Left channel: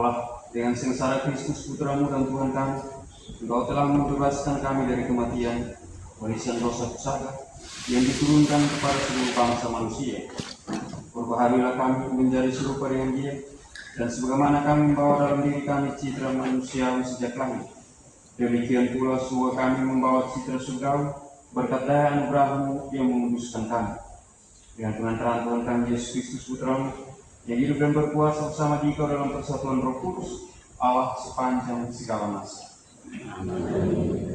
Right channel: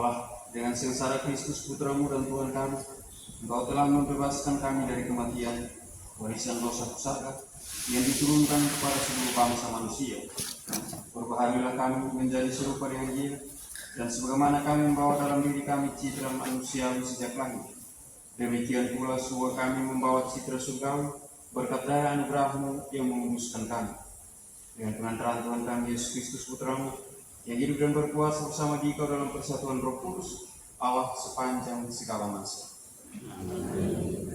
Allah, dengan sengsara Kristus Putramu dan Tuhan kami, Engkau telah membebaskan kami dari kematian, warisan dosa pusaka yang diturunkan kepada seluruh bangsa manusia. Perbaharilah kami menjadi serupa dengan Dia, dan sebagaimana kami membawa dalam diri kami citra manusiawi sejak langit, demikian pula semua kami membawa citra surgawi berkat daya anugerah-Mu yang menguduskan kami. Dengan pengantaran Tuhan kami Yesus Kristus Putramu, yang hidup dan berkuasa bersama Dikau dalam persatuan Roh Kudus, Allah sepanjang segala masa. Amin.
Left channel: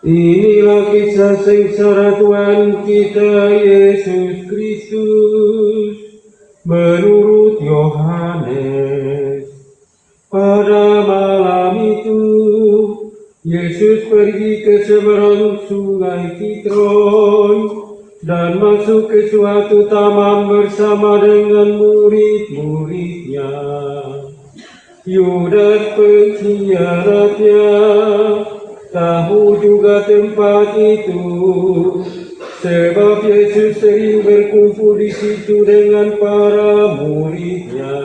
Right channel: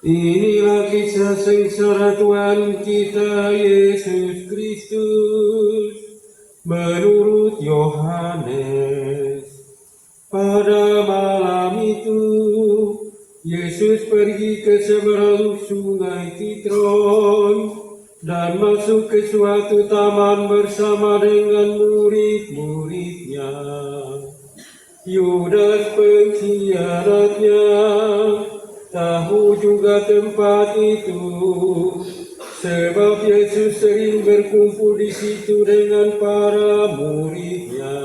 Inilah kisah sengsara Tuhan kita Yesus Kristus menurut Yohanes. Pada malam itu Yesus pergi ke seberang sungai Kidron dan masuk ke suatu taman bersama dengan murid-muridnya. Yudas pengkhianatnya tahu juga tempat itu, sebab Yesus sering berkumpul di situ dengan para muridnya.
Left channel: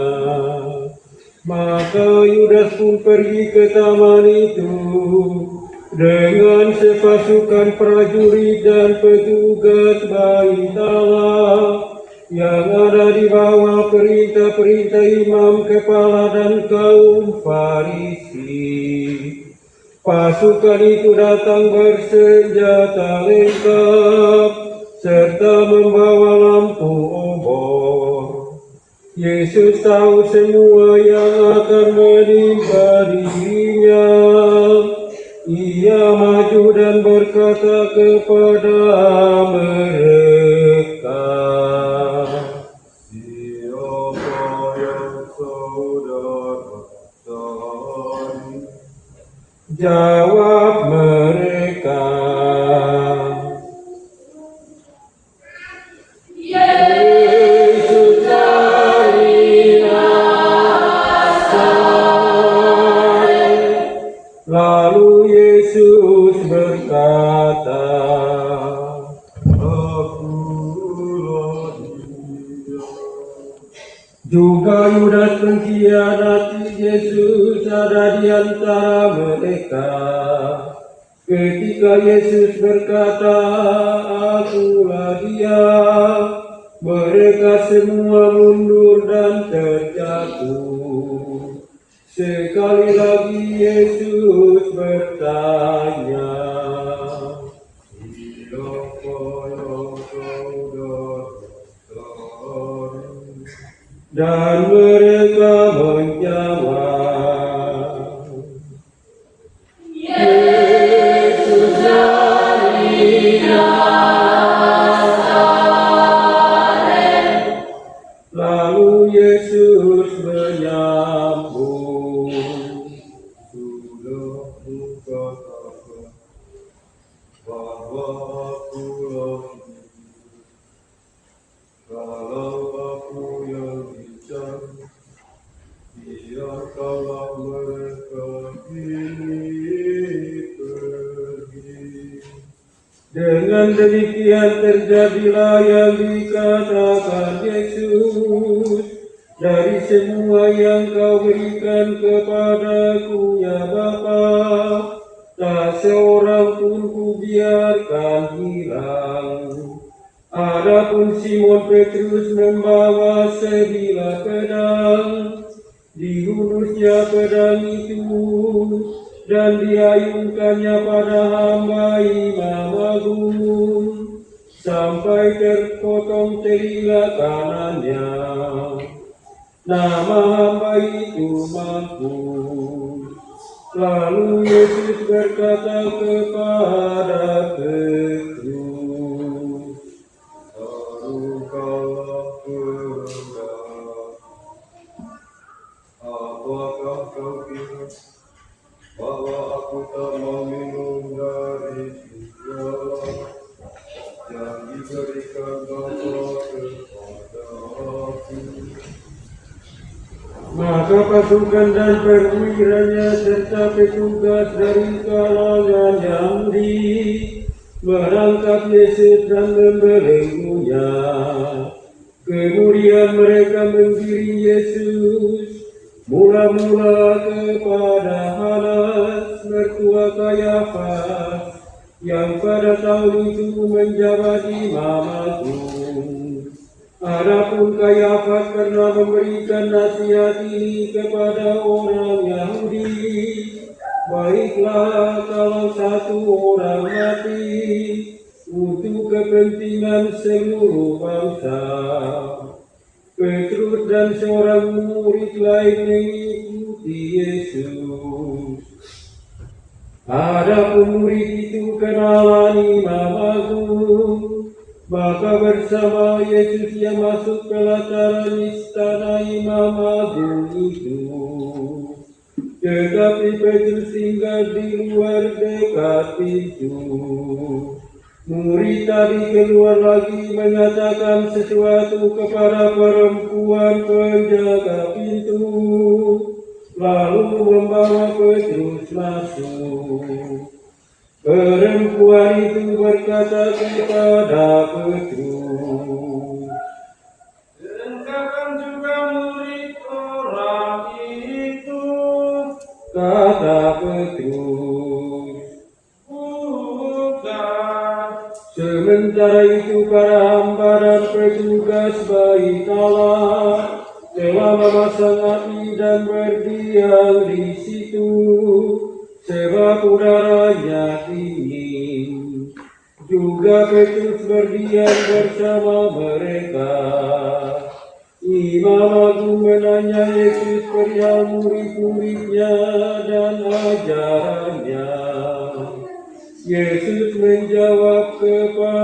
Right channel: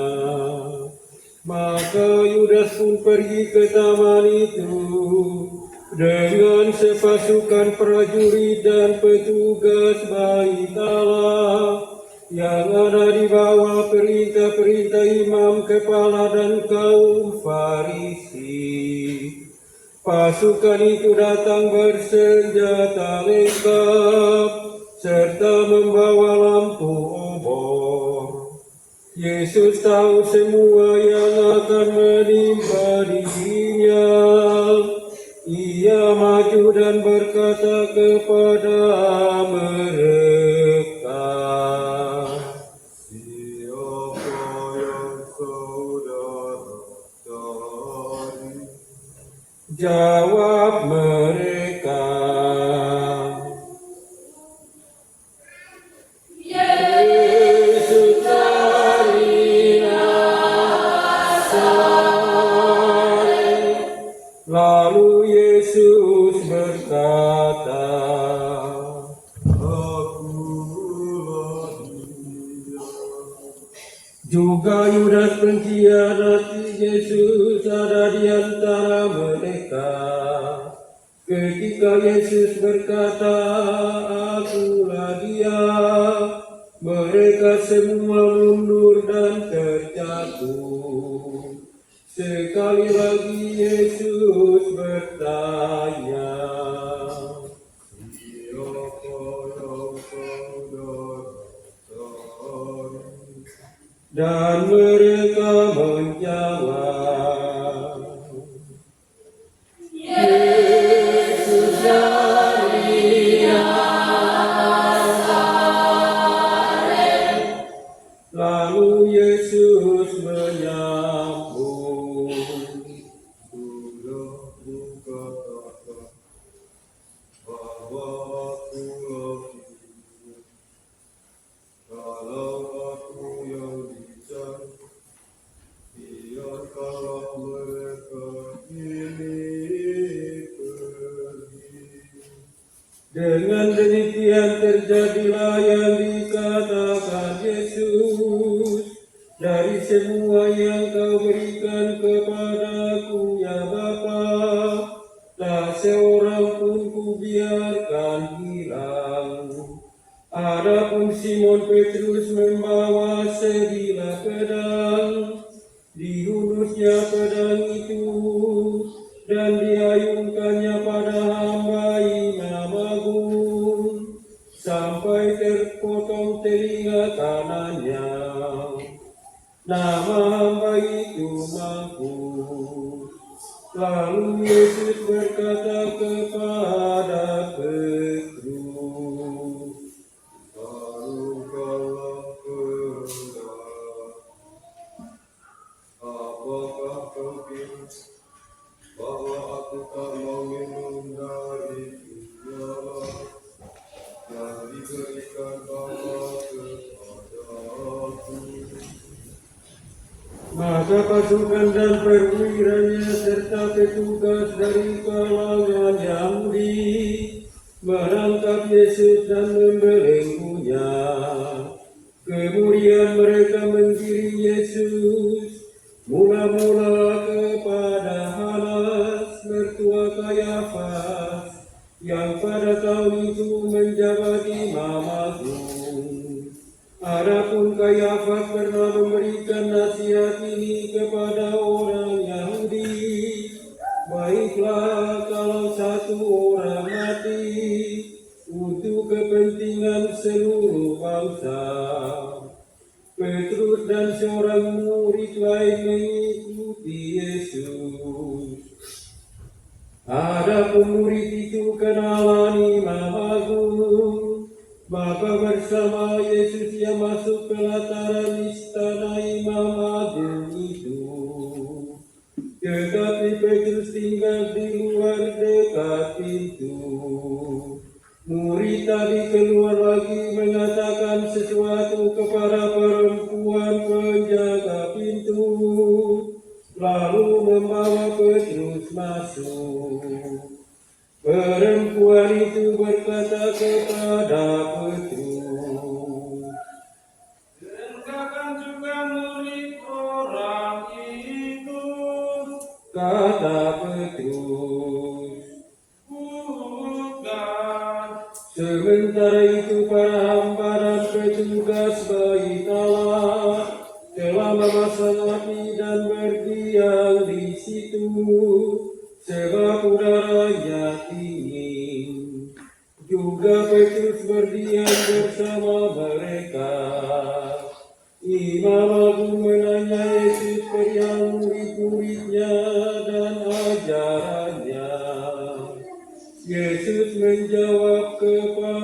Maka Yudas pun pergi ke taman itu dengan sepasukan prajurit dan petugas bait Allah yang ada di bawah perintah-perintah imam kepala dan kaum Farisi. Pasukan itu datang bersenjata lengkap serta membawa lampu obor. Yesus tahu semua yang akan menimpa dirinya. Ia maju dan berkata kepada mereka, "Siapa yang saudara cari?" Jawab mereka, "Yesus dari Nazaret." Lalu Yesus berkata, "Akulah Dia." Juga Yudas pengkhianat Yesus ada di antara mereka. Ketika Yesus berkata, "Akulah Dia," mereka semua mundur dan terjatuh. Sekali lagi Yesus bertanya, "Siapa yang saudara cari?" Dan mereka menjawab, "Yesus dari Nazaret." Dengan demikian terjadilah yang dikatakan Yesus, dari semua yang kau berikan kepadaku ya Bapa, tak seorang pun kubiarkan hilang. Adapun Simon Petrus membawa sebilah pedang, dihunusnya pedang itu dan diayunkannya pada hamba Imam Agung sampai terpotong telinga kanannya. Nama hamba itu Malkus. Lalu Yesus berkata kepada Petrus, "Taruhkanlah pedang. Apakah kau kira bahwa aku tak meminum dari surga yang diberikan Bapa kepada aku?" Maka pasukan dan perwiranya serta petugas dari kalangan Yahudi menangkap Yesus dan membelenggunya. Kemudian mereka menggiring Yesus mula-mula kepada Hanas, mertua Kayafas, yang pada tahun itu menjabat Imam Agung. Adapun Kayafas pernah memberikan nasihat ini kepada orang Yahudi, baiklah kalau satu orang mati untuk kepentingan seluruh bangsa. Petrus dan seorang murid lain mengikuti Yesus. Adapun murid itu kenalan Imam Agung, maka bersama Yesus ia masuk ke pelataran istana Imam Agung itu. Tetapi Petrus tinggal di luar dekat pintu. Murid tadi keluar lagi menyatakan sesuatu kepada perempuan penjaga pintu, lalu membawa Petrus masuk. Perempuan itu berkata kepada Petrus, "Engkau juga murid orang itu?" Kata Petrus, "Bukan." Sementara itu para hamba dan petugas bait Allah telah memasang api dan berdiam di situ, sebab udaranya dingin. Juga Petrus berdiam bersama mereka. Imam Agung menanya Yesus perihal murid-muridnya dan ajarannya. Yesus menjawab kepadanya,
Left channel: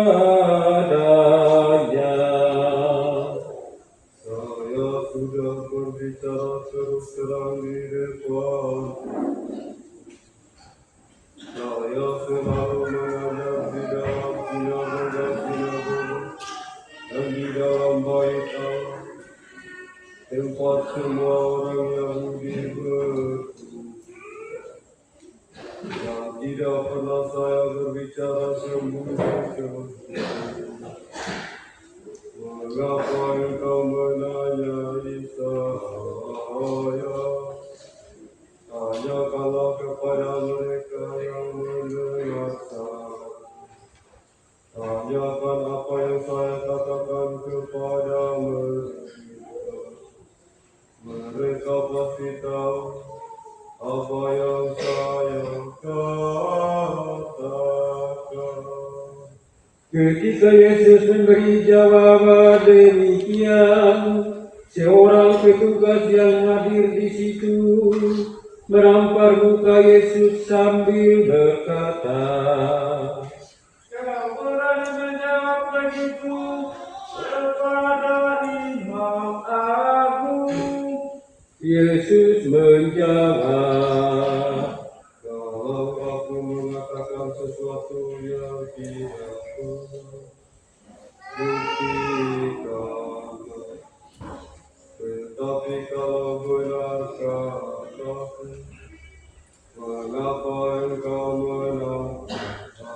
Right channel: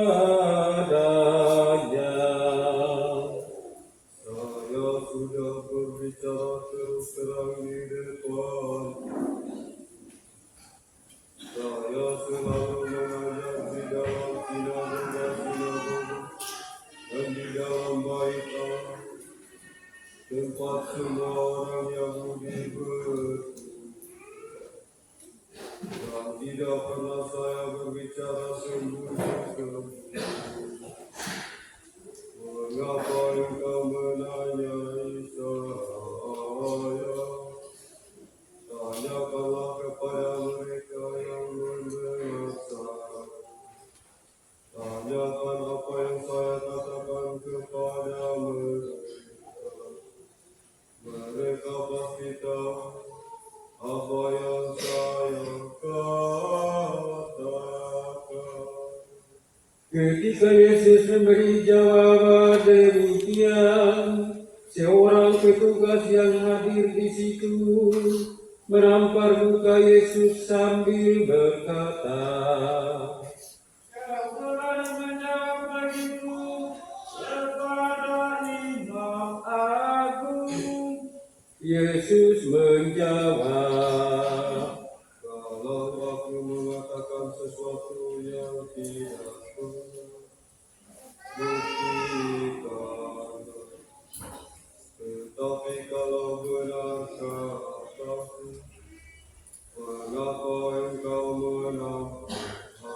"Saya sudah berbicara terus terang di depan. Saya selalu mengajar di dalam sinagog dan di dalam bait Allah, tempat semua orang Yahudi berkumpul. Dan tidak pernah saya berbicara sembunyi-sembunyi. Mengapa engkau menanyai saya? Tanyakanlah kepada mereka yang mendengar saya. Tanyakan apa yang saya katakan kepada mereka. Mereka pasti tahu apa yang saya katakan." Ketika Yesus memberi jawaban demikian, seorang petugas yang hadir di situ menampar muka Yesus sambil berkata, "Kau berani menjawab begitu kepada Imam Agung?" Yesus menjawab, "Kalau aku mengatakan sesuatu yang tidak buktikan, tetapi kalau benar katakan, mengapa engkau menantang?"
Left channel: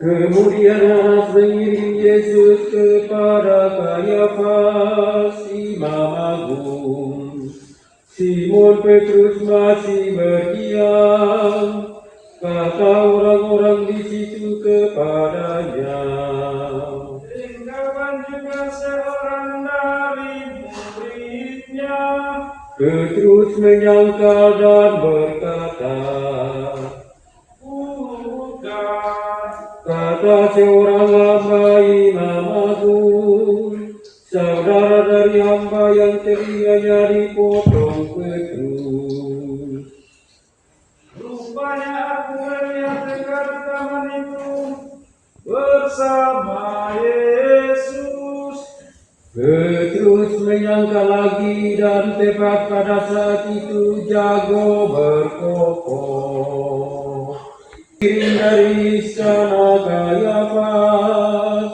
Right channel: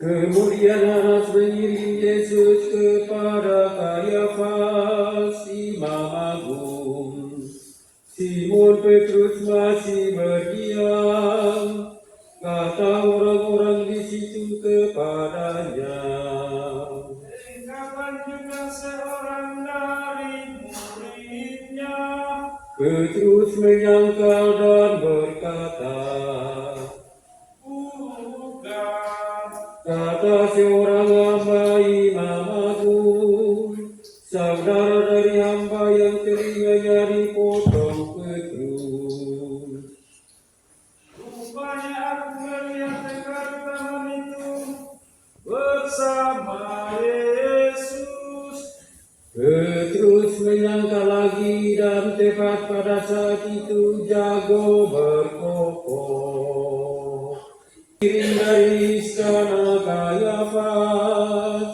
Kemudian Hanas mengirim Yesus kepada Kayafas, Imam Agung. Simon Petrus masih berdiam. Kata orang-orang di situ kepadanya, Tinggalkan juga seorang dari muridnya. Petrus menyangkal dan berkata, Bukan. kata seorang hamba Imam Agung, saudara dari hamba yang telinganya dipotong Petrus. Rupanya aku melihat dekat taman itu bersama Yesus. Petrus menyangka lagi dan tepat pada saat itu jago berkokok. Kirim dari istana Kayafas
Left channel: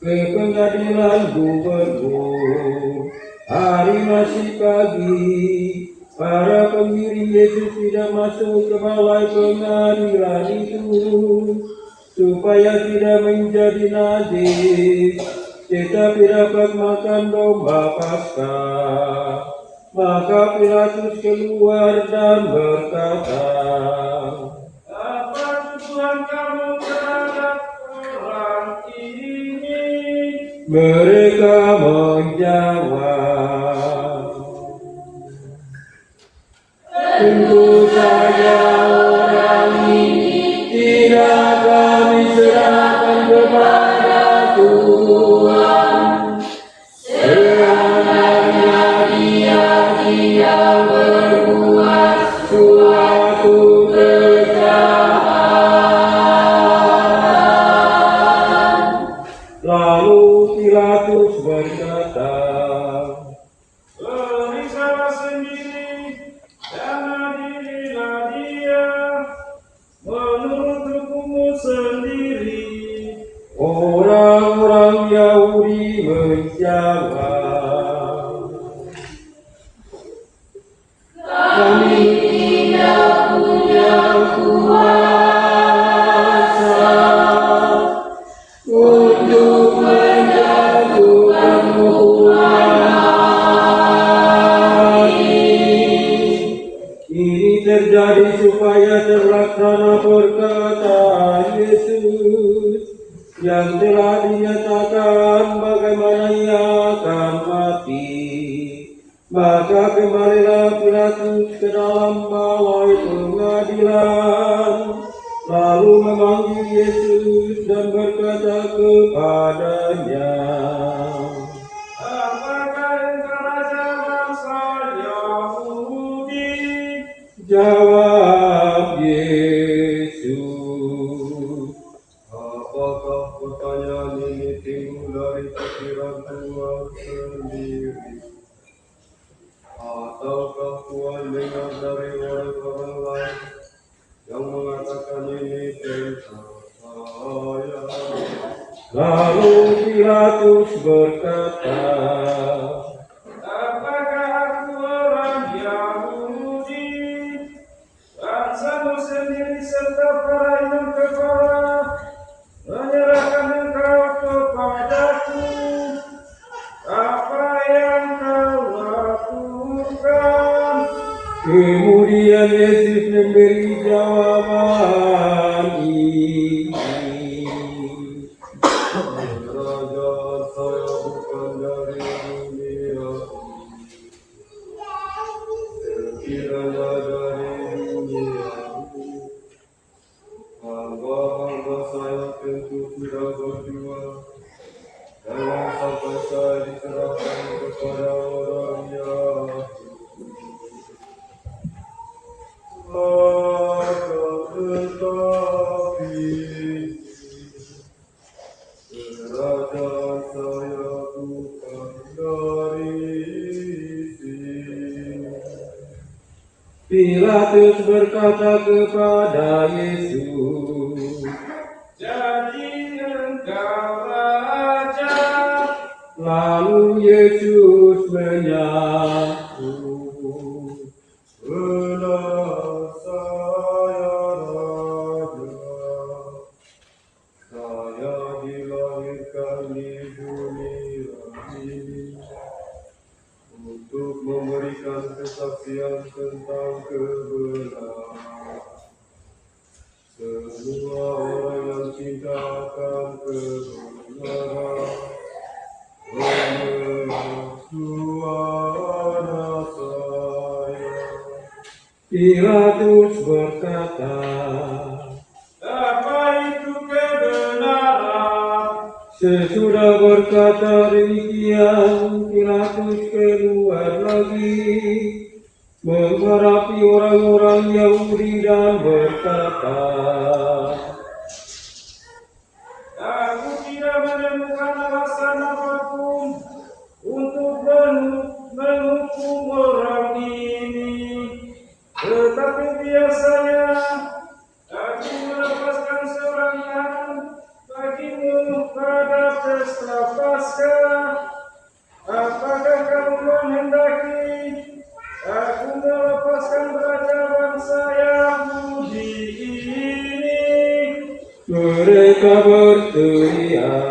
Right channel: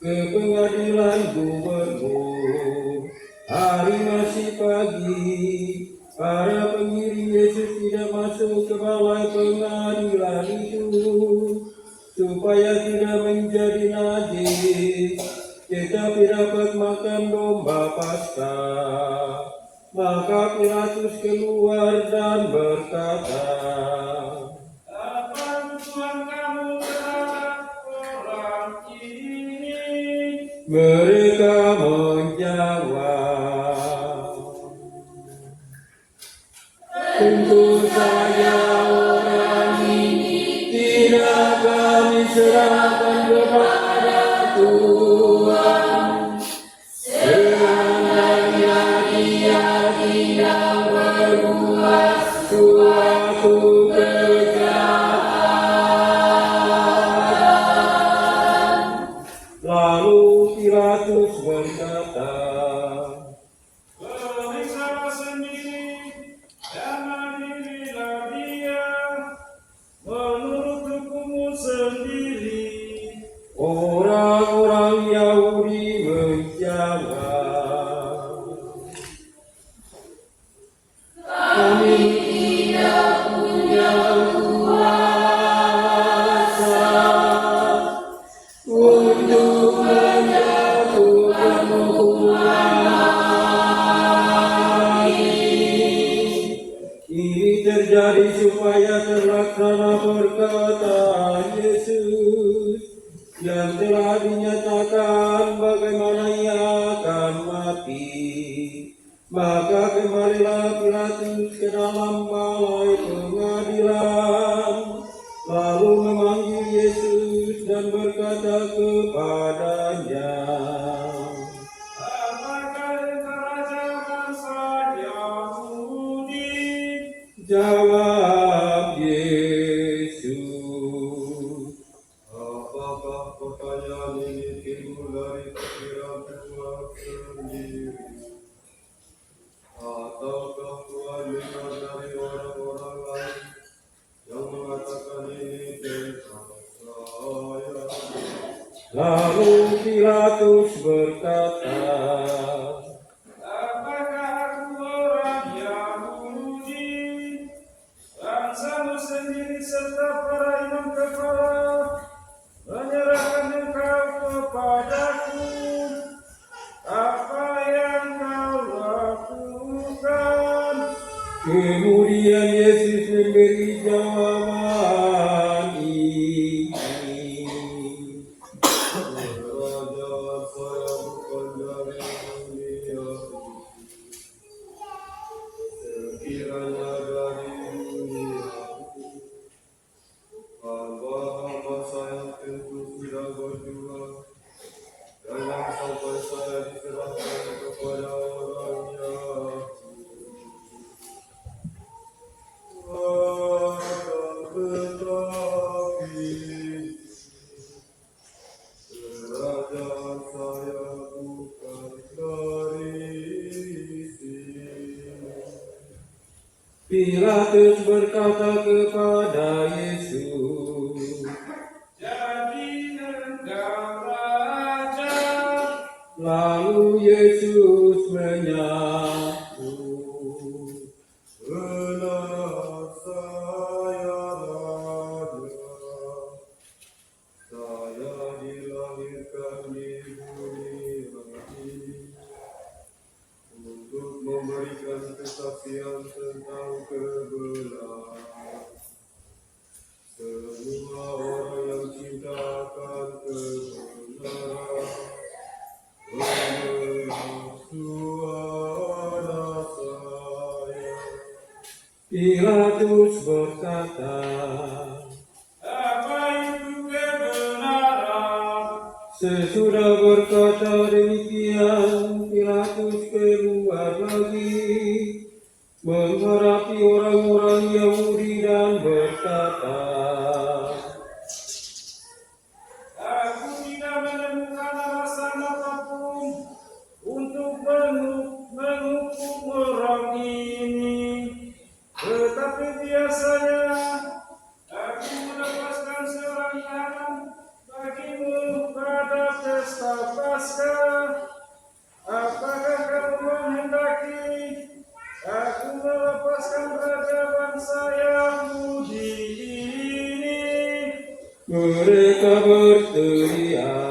ke pengadilan gubernur. Hari masih pagi, para pengiring Yesus tidak masuk ke balai pengadilan itu supaya tidak menjadi najis, tetapi dapat makan domba Paskah. Maka Pilatus keluar dan berkata, Apa tujuan kamu terhadap orang ini? mereka menjawab, tentu saja orang ini tidak kami serahkan kepada Tuhan. Seandainya dia tidak berbuat suatu kejahatan. Lalu Pilatus berkata, Periksalah sendiri dan adililah dia menurut hukummu sendiri. orang-orang Yahudi menjawab, kami tidak punya kuasa untuk menjatuhkan hukuman mati. Ini terjadi supaya terlaksana perkataan Yesus yang telah dinyatakan bagaimana ia akan mati. Maka kembalilah Pilatus ke dalam balai pengadilan, lalu memanggil Yesus dan berkata kepadanya, Apakah engkau raja bangsa Yahudi? jawab Yesus, Apakah pertanyaan ini timbul dari pikiran Tuhan sendiri? Ataukah Tuhan dengar dari orang-orang lain yang mengatakan ini tentang saya? lalu Pilatus berkata, Apakah aku orang Yahudi? Bangsamu sendiri serta para imam kepala menyerahkan engkau kepadaku. Apa yang kau lakukan? kemudian Yesus memberi jawaban ini, Kerajaan saya bukan dari dunia. Sekiranya dari dunia, hamba-hamba saya tentu sudah berjuang. Jangan sampai saya diserahkan kepada orang Yahudi. Tetapi kerajaan saya bukan dari sini. Pilatus berkata kepada Yesus, Jadi engkau raja. lalu Yesus menyaku, Benar saya raja, benar. Semua orang yang cinta akan kebenaran mendengar suara saya. Pilatus berkata, Apa itu kebenaran? sesudah berkata demikian, Pilatus keluar lagi, menghadapi orang-orang Yahudi dan berkata, Aku tidak menemukan alasan apapun untuk menghukum orang ini. Tetapi biasanya aku melepaskan seorang tahanan bagimu pada pesta Paskah. Apakah kamu menghendaki aku melepaskan raja bangsa Yahudi ini? mereka berteriak,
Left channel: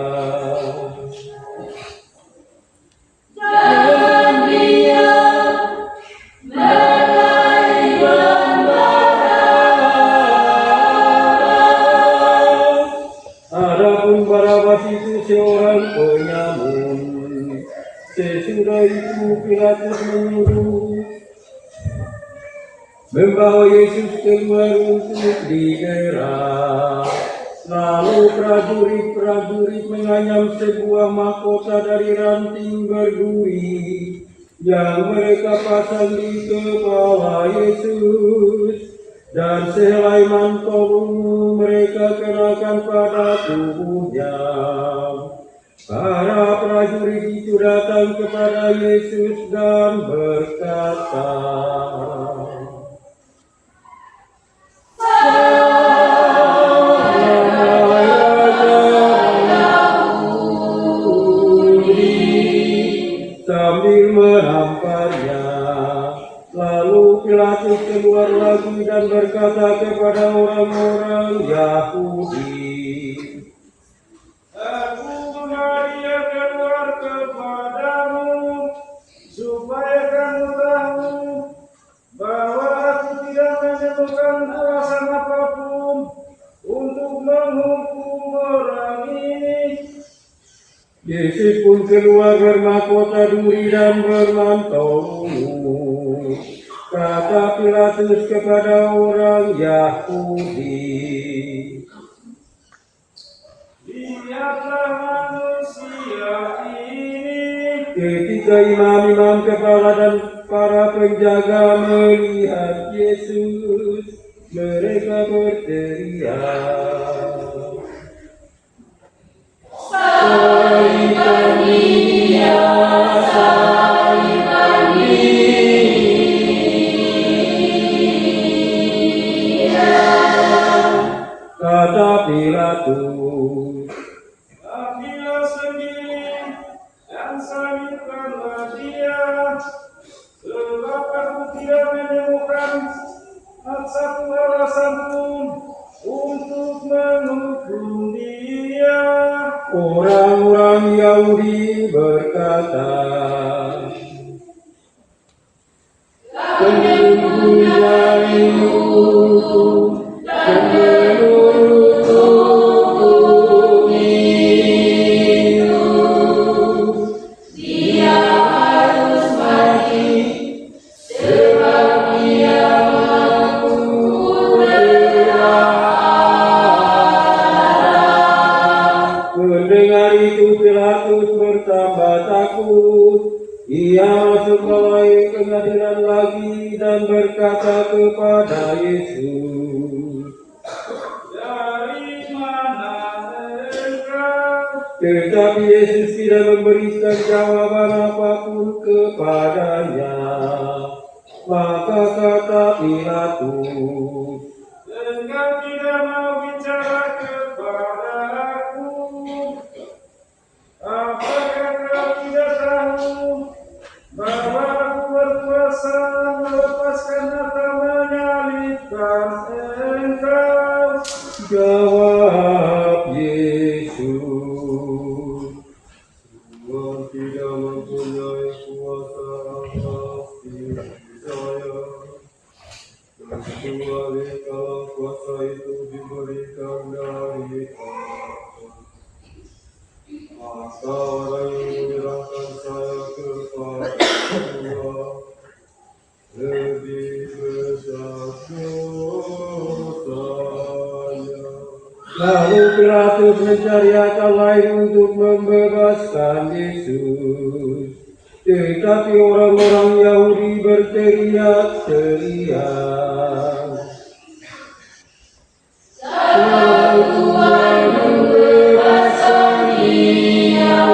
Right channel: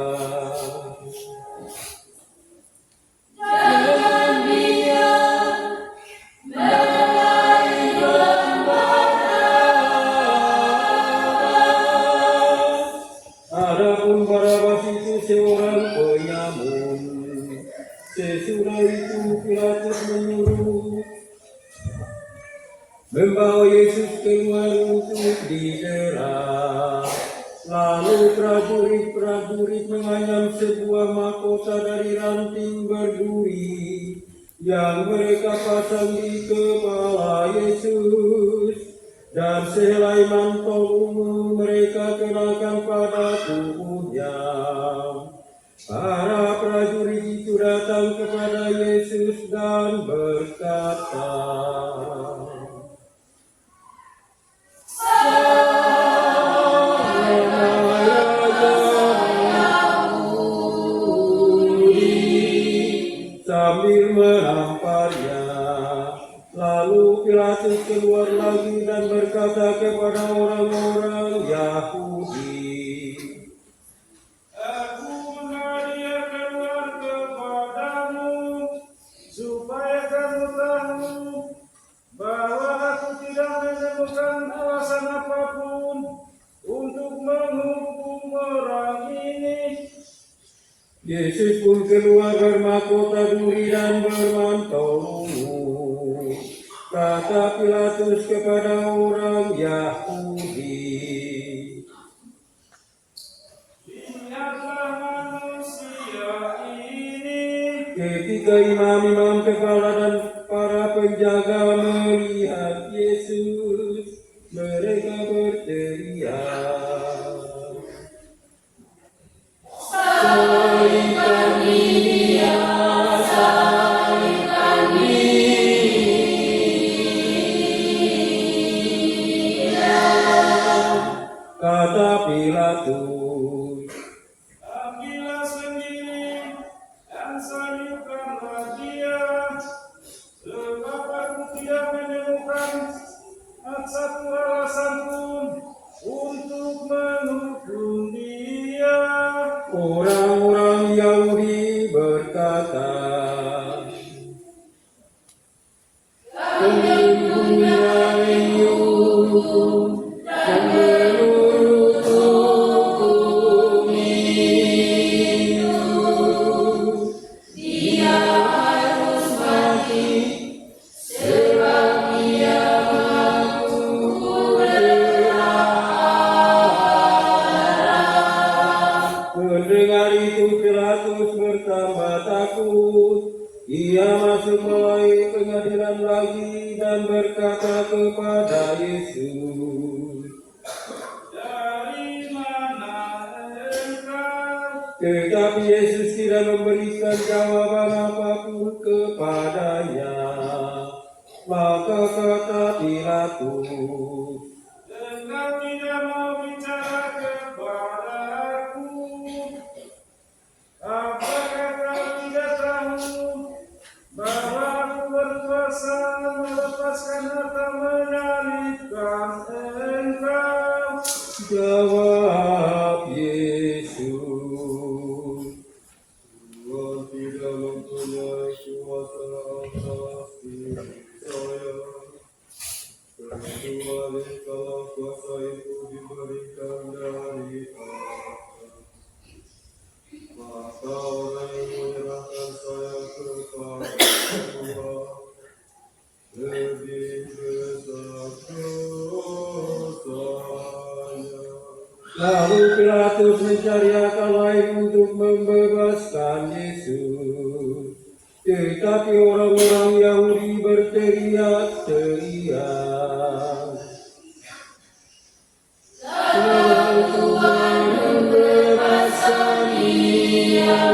adapun Barabas itu seorang penyamun. Sesudah itu Pilatus menyuruh membawa Yesus keluar untuk didera. Lalu prajurit-prajurit menganyam sebuah mahkota dari ranting berduri yang mereka pasang di kepala Yesus, dan sehelai mantel ungu mereka kenakan pada tubuhnya. Para prajurit itu datang kepada Yesus dan berkata, sambil menamparnya. Lalu Pilatus keluar lagi dan berkata kepada orang-orang Yahudi, Aku mengalir keluar kepadamu, supaya kamu tahu bahwa aku tidak menemukan alasan apapun untuk menghukum orang ini. Yesus pun keluar bermahkota duri dan bermantel ungu. Kata Pilatus kepada orang Yahudi, Lihatlah manusia ini. ketika imam-imam kepala dan para penjaga melihat Yesus, mereka berteriak, "Salibkan Dia, salibkan Dia!" Kata Pilatus, Ambillah sendiri dan salibkanlah dia, sebab aku tidak menemukan satu alasan pun untuk menghukum dia. orang-orang Yahudi berkata, "Kami mempunyai hukum dan menurut hukum itu, Dia harus mati, sebab Dia mengaku bersalah." Mendengar itu Pilatus bertambah takut. Ia masuk balai pengadilan lagi dan berkata kepada Yesus, Dari mana engkau? tetapi Yesus tidak memberikan jawaban apapun kepadanya. Maka kata Pilatus, Engkau tidak mau bicara kepada aku? Apakah kau tidak tahu bahwa aku berkuasa melepaskan atau menyalibkan engkau? jawab Yesus, Tuhan tidak mempunyai kuasa atas diri saya, kecuali kalau kuasa itu diberikan dari maka orang yang menyerahkan saya kepada Tuhan lebih besar dosanya. Lalu Pilatus mencari akal lain untuk membebaskan Yesus. Tetapi orang-orang Yahudi berteriak-teriak, "Kalau Tuhan membebaskan Dia,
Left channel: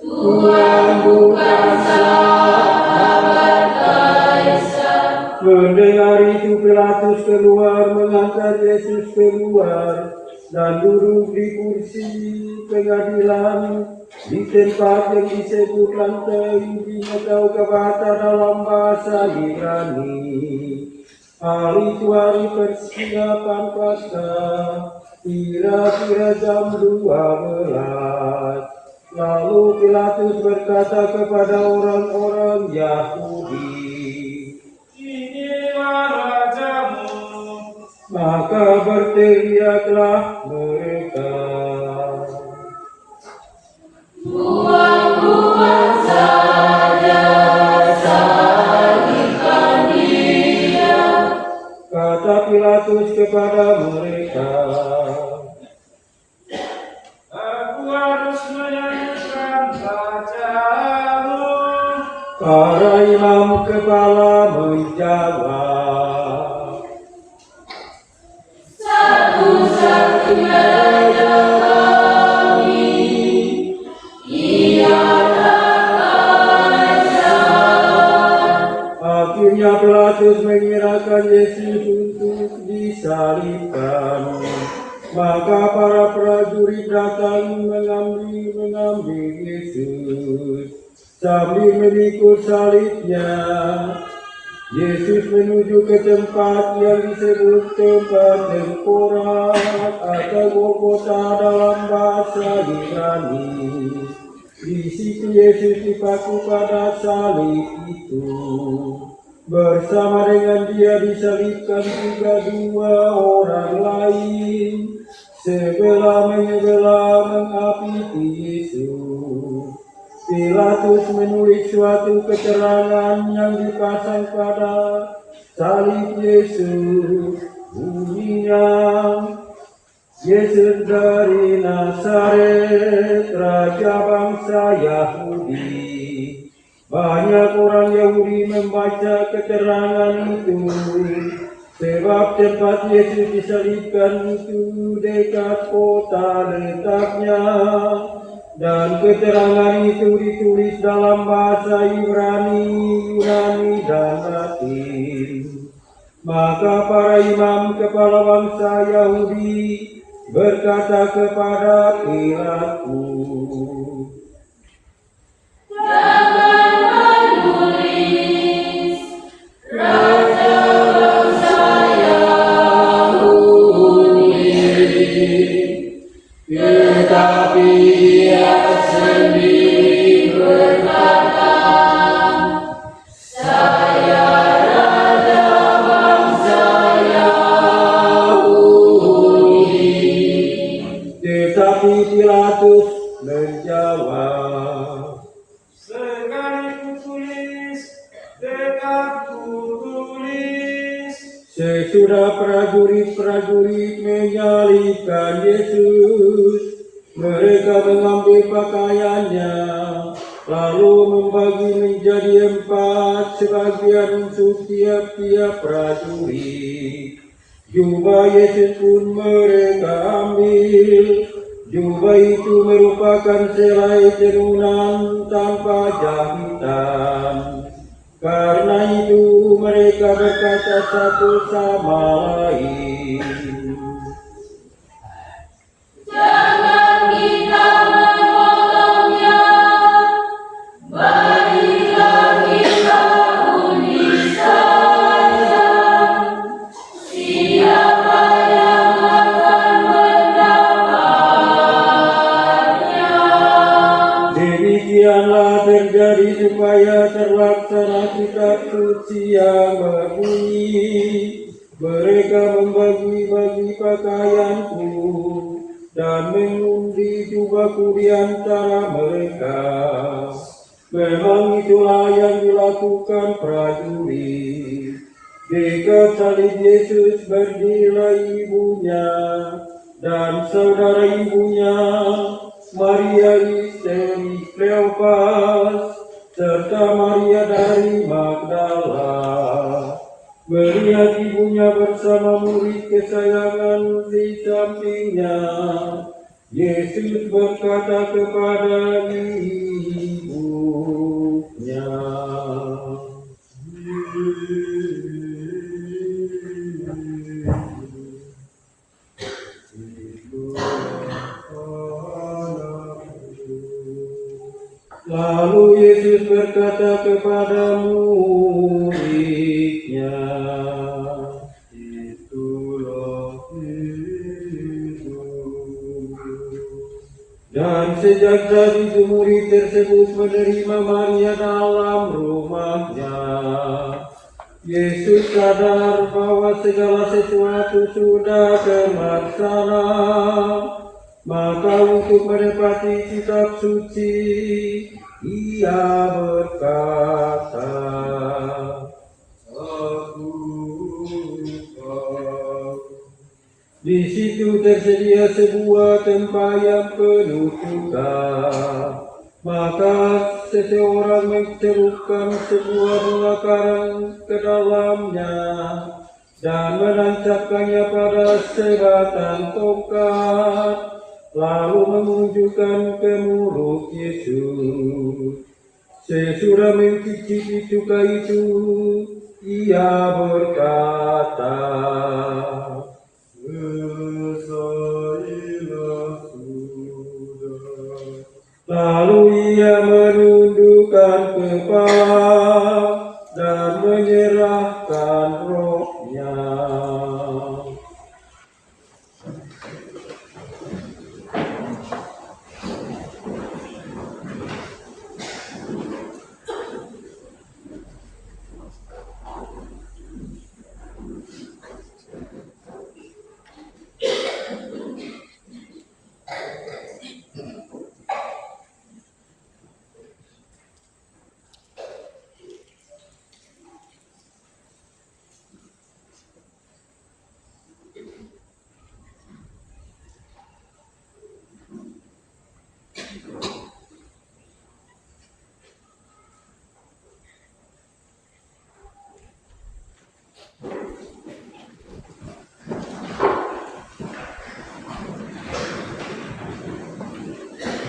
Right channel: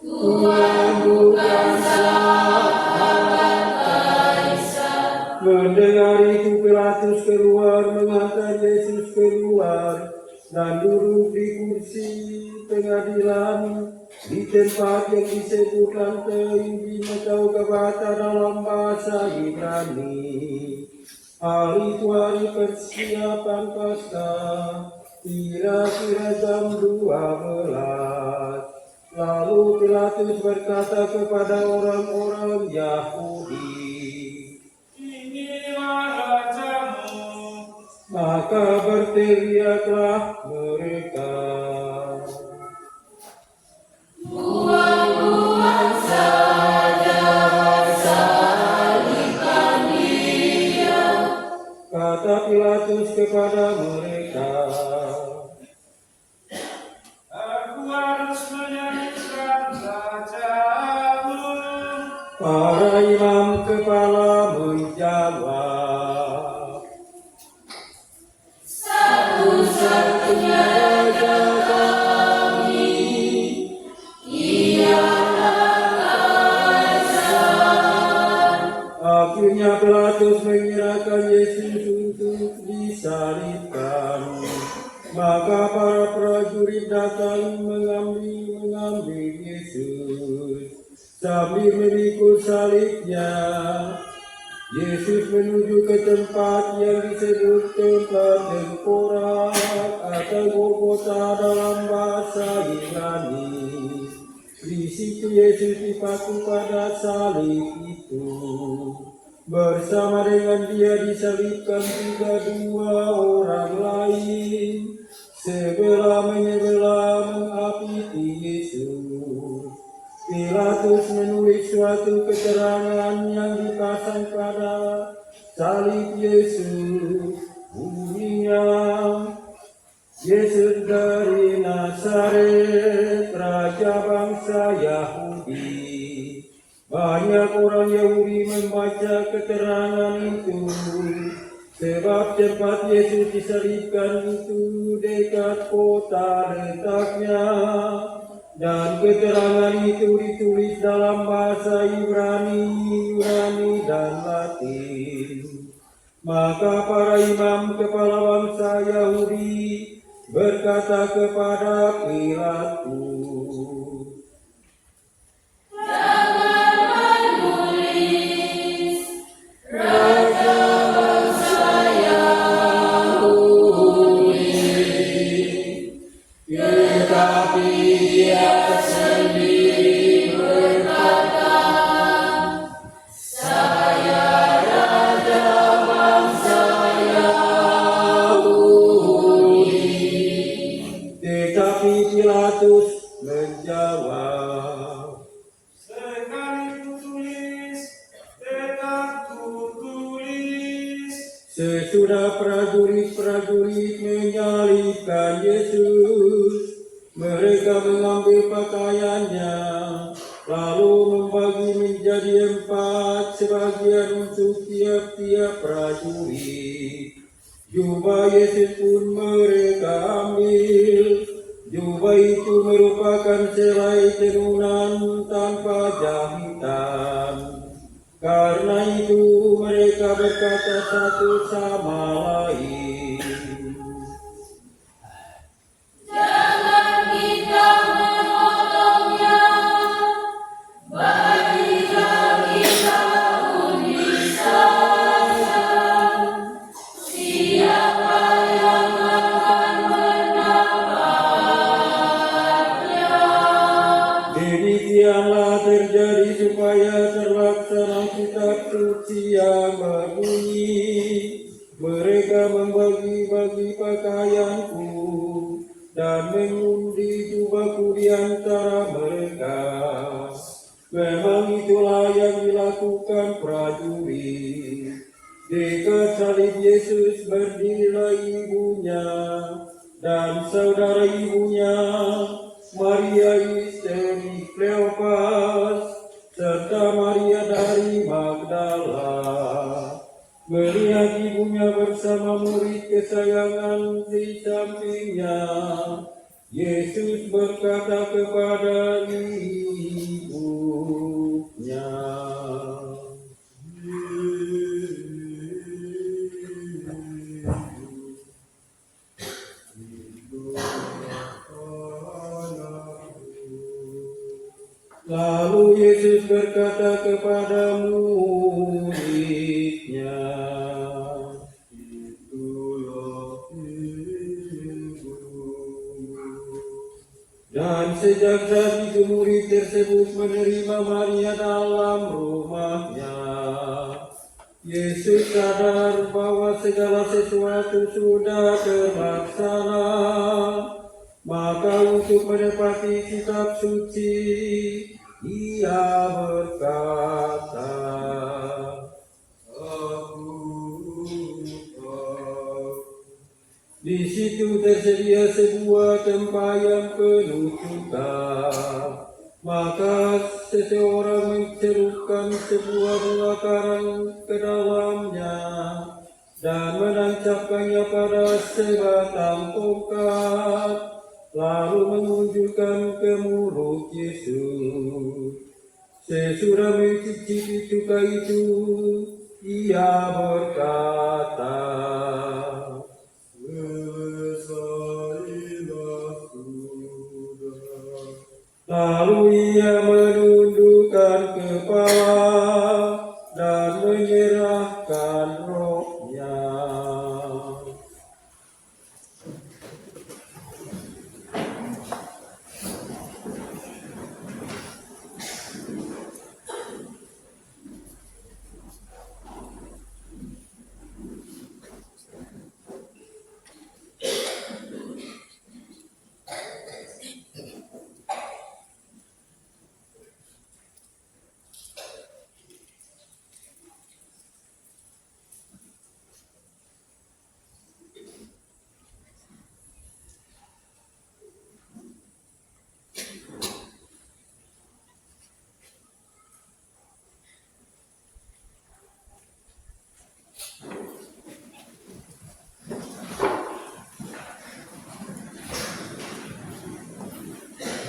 Tuhan bukan sahabat Kaisar." Mendengar itu Pilatus keluar mengangkat Yesus keluar dan duduk di kursi pengadilan di tempat yang disebut lantai atau Gabata dalam bahasa Ibrani. Hari itu hari persiapan Paskah, kira-kira jam 12. Lalu Pilatus berkata kepada orang-orang Yahudi, Inilah rajamu. maka berteriaklah mereka, "Buang-buang saja, salibkan Dia," kata Pilatus kepada mereka. Aku harus menyanyikan rajamu. Para imam kepala menjawab, "Satu-satunya raja kami ialah Kaisar." Akhirnya Pilatus menyerahkan Yesus untuk disalibkan. Maka para prajurit datang mengambil Yesus sambil memikul salibnya. Yesus menuju ke tempat yang disebut tempat tengkorak atau Golgota dalam bahasa Ibrani. Di situ Yesus dipaku pada salib itu. Bersama dengan Dia disalibkan juga dua orang lain, sebelah menyebelah mengapiti Yesus. Pilatus menulis suatu keterangan yang dipasang pada salib Yesus. Bunyinya, "Yesus dari Nazaret, Raja bangsa Yahudi." Banyak orang Yahudi membaca keterangan itu, sebab tempat Yesus disalibkan itu dekat kota letaknya, dan keterangan itu ditulis dalam bahasa Ibrani, Yunani, dan Latin. Maka para imam kepala bangsa Yahudi berkata kepada Pilatus, tetapi Pilatus menjawab, Sekali kutulis, tetap kutulis. sesudah prajurit-prajurit menyalibkan Yesus, mereka mengambil pakaiannya, lalu membagi menjadi 4 sebagian untuk tiap-tiap prajurit. Jubah Yesus pun mereka ambil. Jubah itu merupakan selai tenunan tanpa jahitan. Karena itu mereka berkata satu sama lain, "Jangan kita menolongnya, marilah kita undi saja. Siapa yang akan mendapatnya?" Demikianlah terjadi supaya terlaksana kitab suci yang berbunyi, pakaianku dan mengundi jubahku di antara mereka. Memang itulah yang dilakukan prajurit. Dekat salib Yesus berdirilah ibunya dan saudara ibunya, Maria istri Kleopas, serta Maria dari Magdala. Melihat ibunya bersama murid kesayangan di sampingnya, Yesus berkata kepada ibunya, lalu Yesus berkata kepada muridnya, itulah ibu. dan sejak saat itu murid tersebut menerima Maria dalam rumahnya. Yesus sadar bahwa segala sesuatu sudah terlaksana. Maka untuk menepati kitab suci, ia berkata, Aku di situ tersedia sebuah tempat penuh cuka. Maka seseorang mencelupkan sebuah bunga karang ke dalamnya dan menancapkannya pada sebatang tongkat, lalu menunjukkan ke mulut Yesus. Sesudah mencicipi cuka itu, ia berkata, selesailah sudah. lalu ia menundukkan kepala dan menyerahkan rohnya.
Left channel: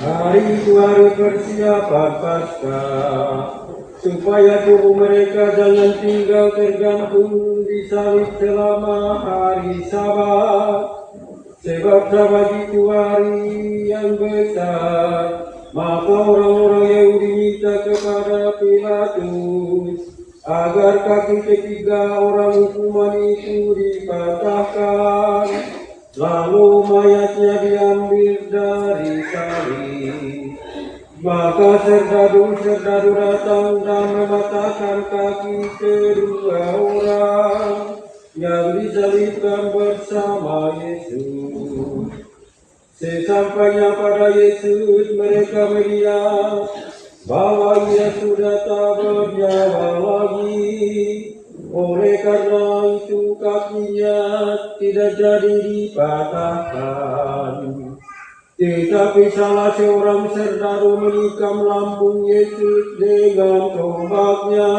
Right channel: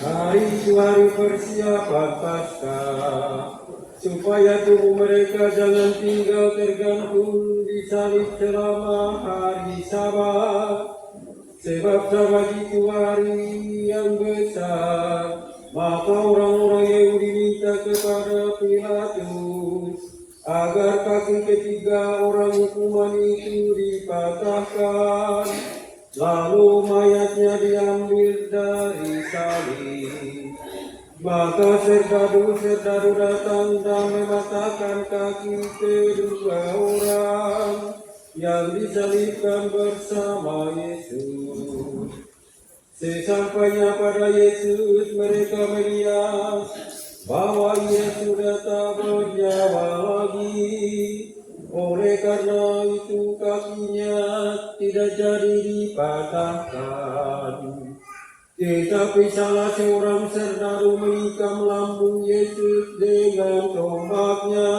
Hari itu hari persiapan Paskah, supaya tubuh mereka jangan tinggal tergantung di salib selama hari Sabat. Sebab Sabat itu hari yang besar. Maka orang-orang Yahudi minta kepada Pilatus agar kaki ketiga orang hukuman itu dipatahkan, lalu mayatnya diambil dari salib. Maka serdadu-serdadu datang dan mematahkan kaki kedua orang yang disalibkan bersama Yesus. Sesampainya pada Yesus, mereka melihat bahwa ia sudah tak bernyawa lagi. Oleh karena itu kakinya tidak jadi dipatahkan. Tetapi salah seorang serdadu menikam lambung Yesus dengan tombaknya,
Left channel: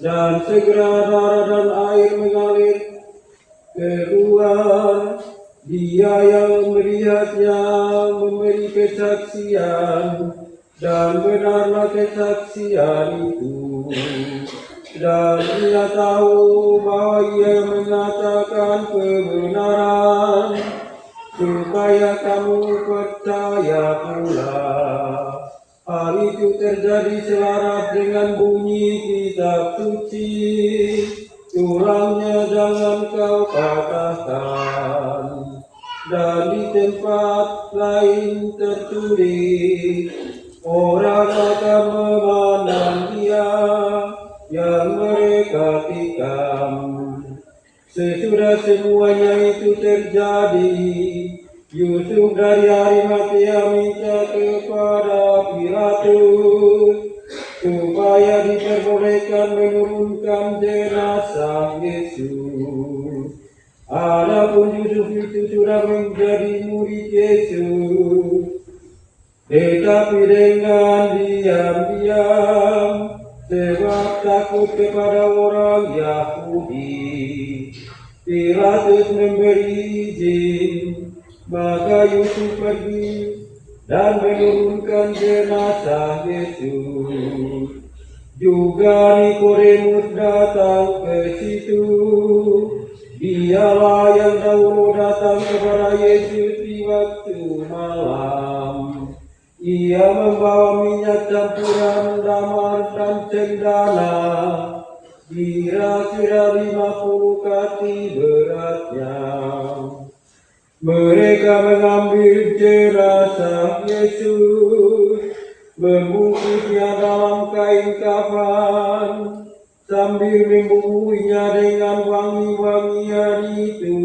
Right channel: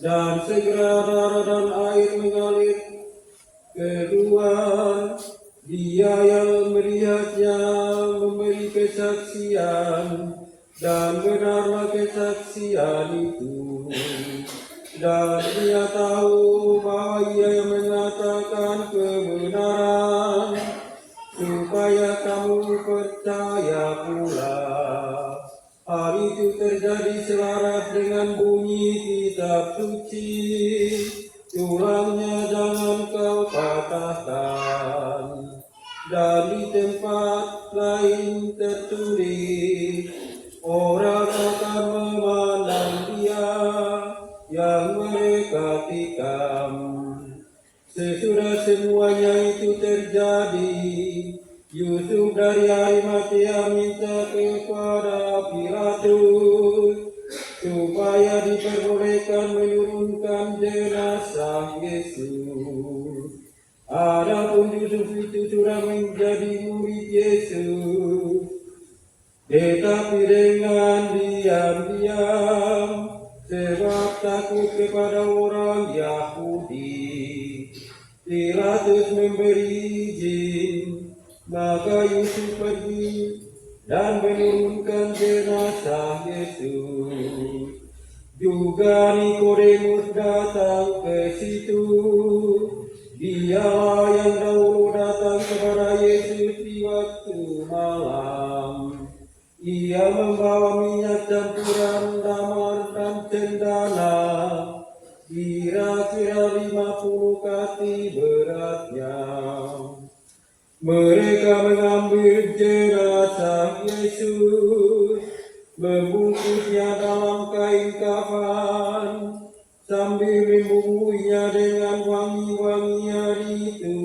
dan segera darah dan air mengalir keluar. Dia yang melihatnya memberi kesaksian, dan benarlah kesaksian itu. Dan dia tahu bahwa ia mengatakan kebenaran, supaya kamu percaya pula. Hal itu terjadi selaras dengan bunyi kitab suci, tulangnya jangan kau patahkan. Dan di tempat lain tertulis, orang akan memandang dia yang mereka tikam. Sesudah semuanya itu terjadi, Yusuf dari Arimatea minta kepada Pilatus supaya diperbolehkan menurunkan jenazah Yesus. Adapun Yusuf itu sudah menjadi murid Yesus, tetapi dengan diam-diam sebab takut kepada orang Yahudi. Pilatus memberi izin, maka Yusuf pergi dan menurunkan jenazah Yesus. Juga Nikodemus datang ke situ. Dialah yang dahulu datang kepada Yesus di waktu malam. Ia membawa minyak campuran damar dan cendana, kira-kira 50 kati beratnya. Mereka mengambil jenazah Yesus, membungkusnya dalam kain kafan, sambil membubuhinya dengan wangi-wangian itu,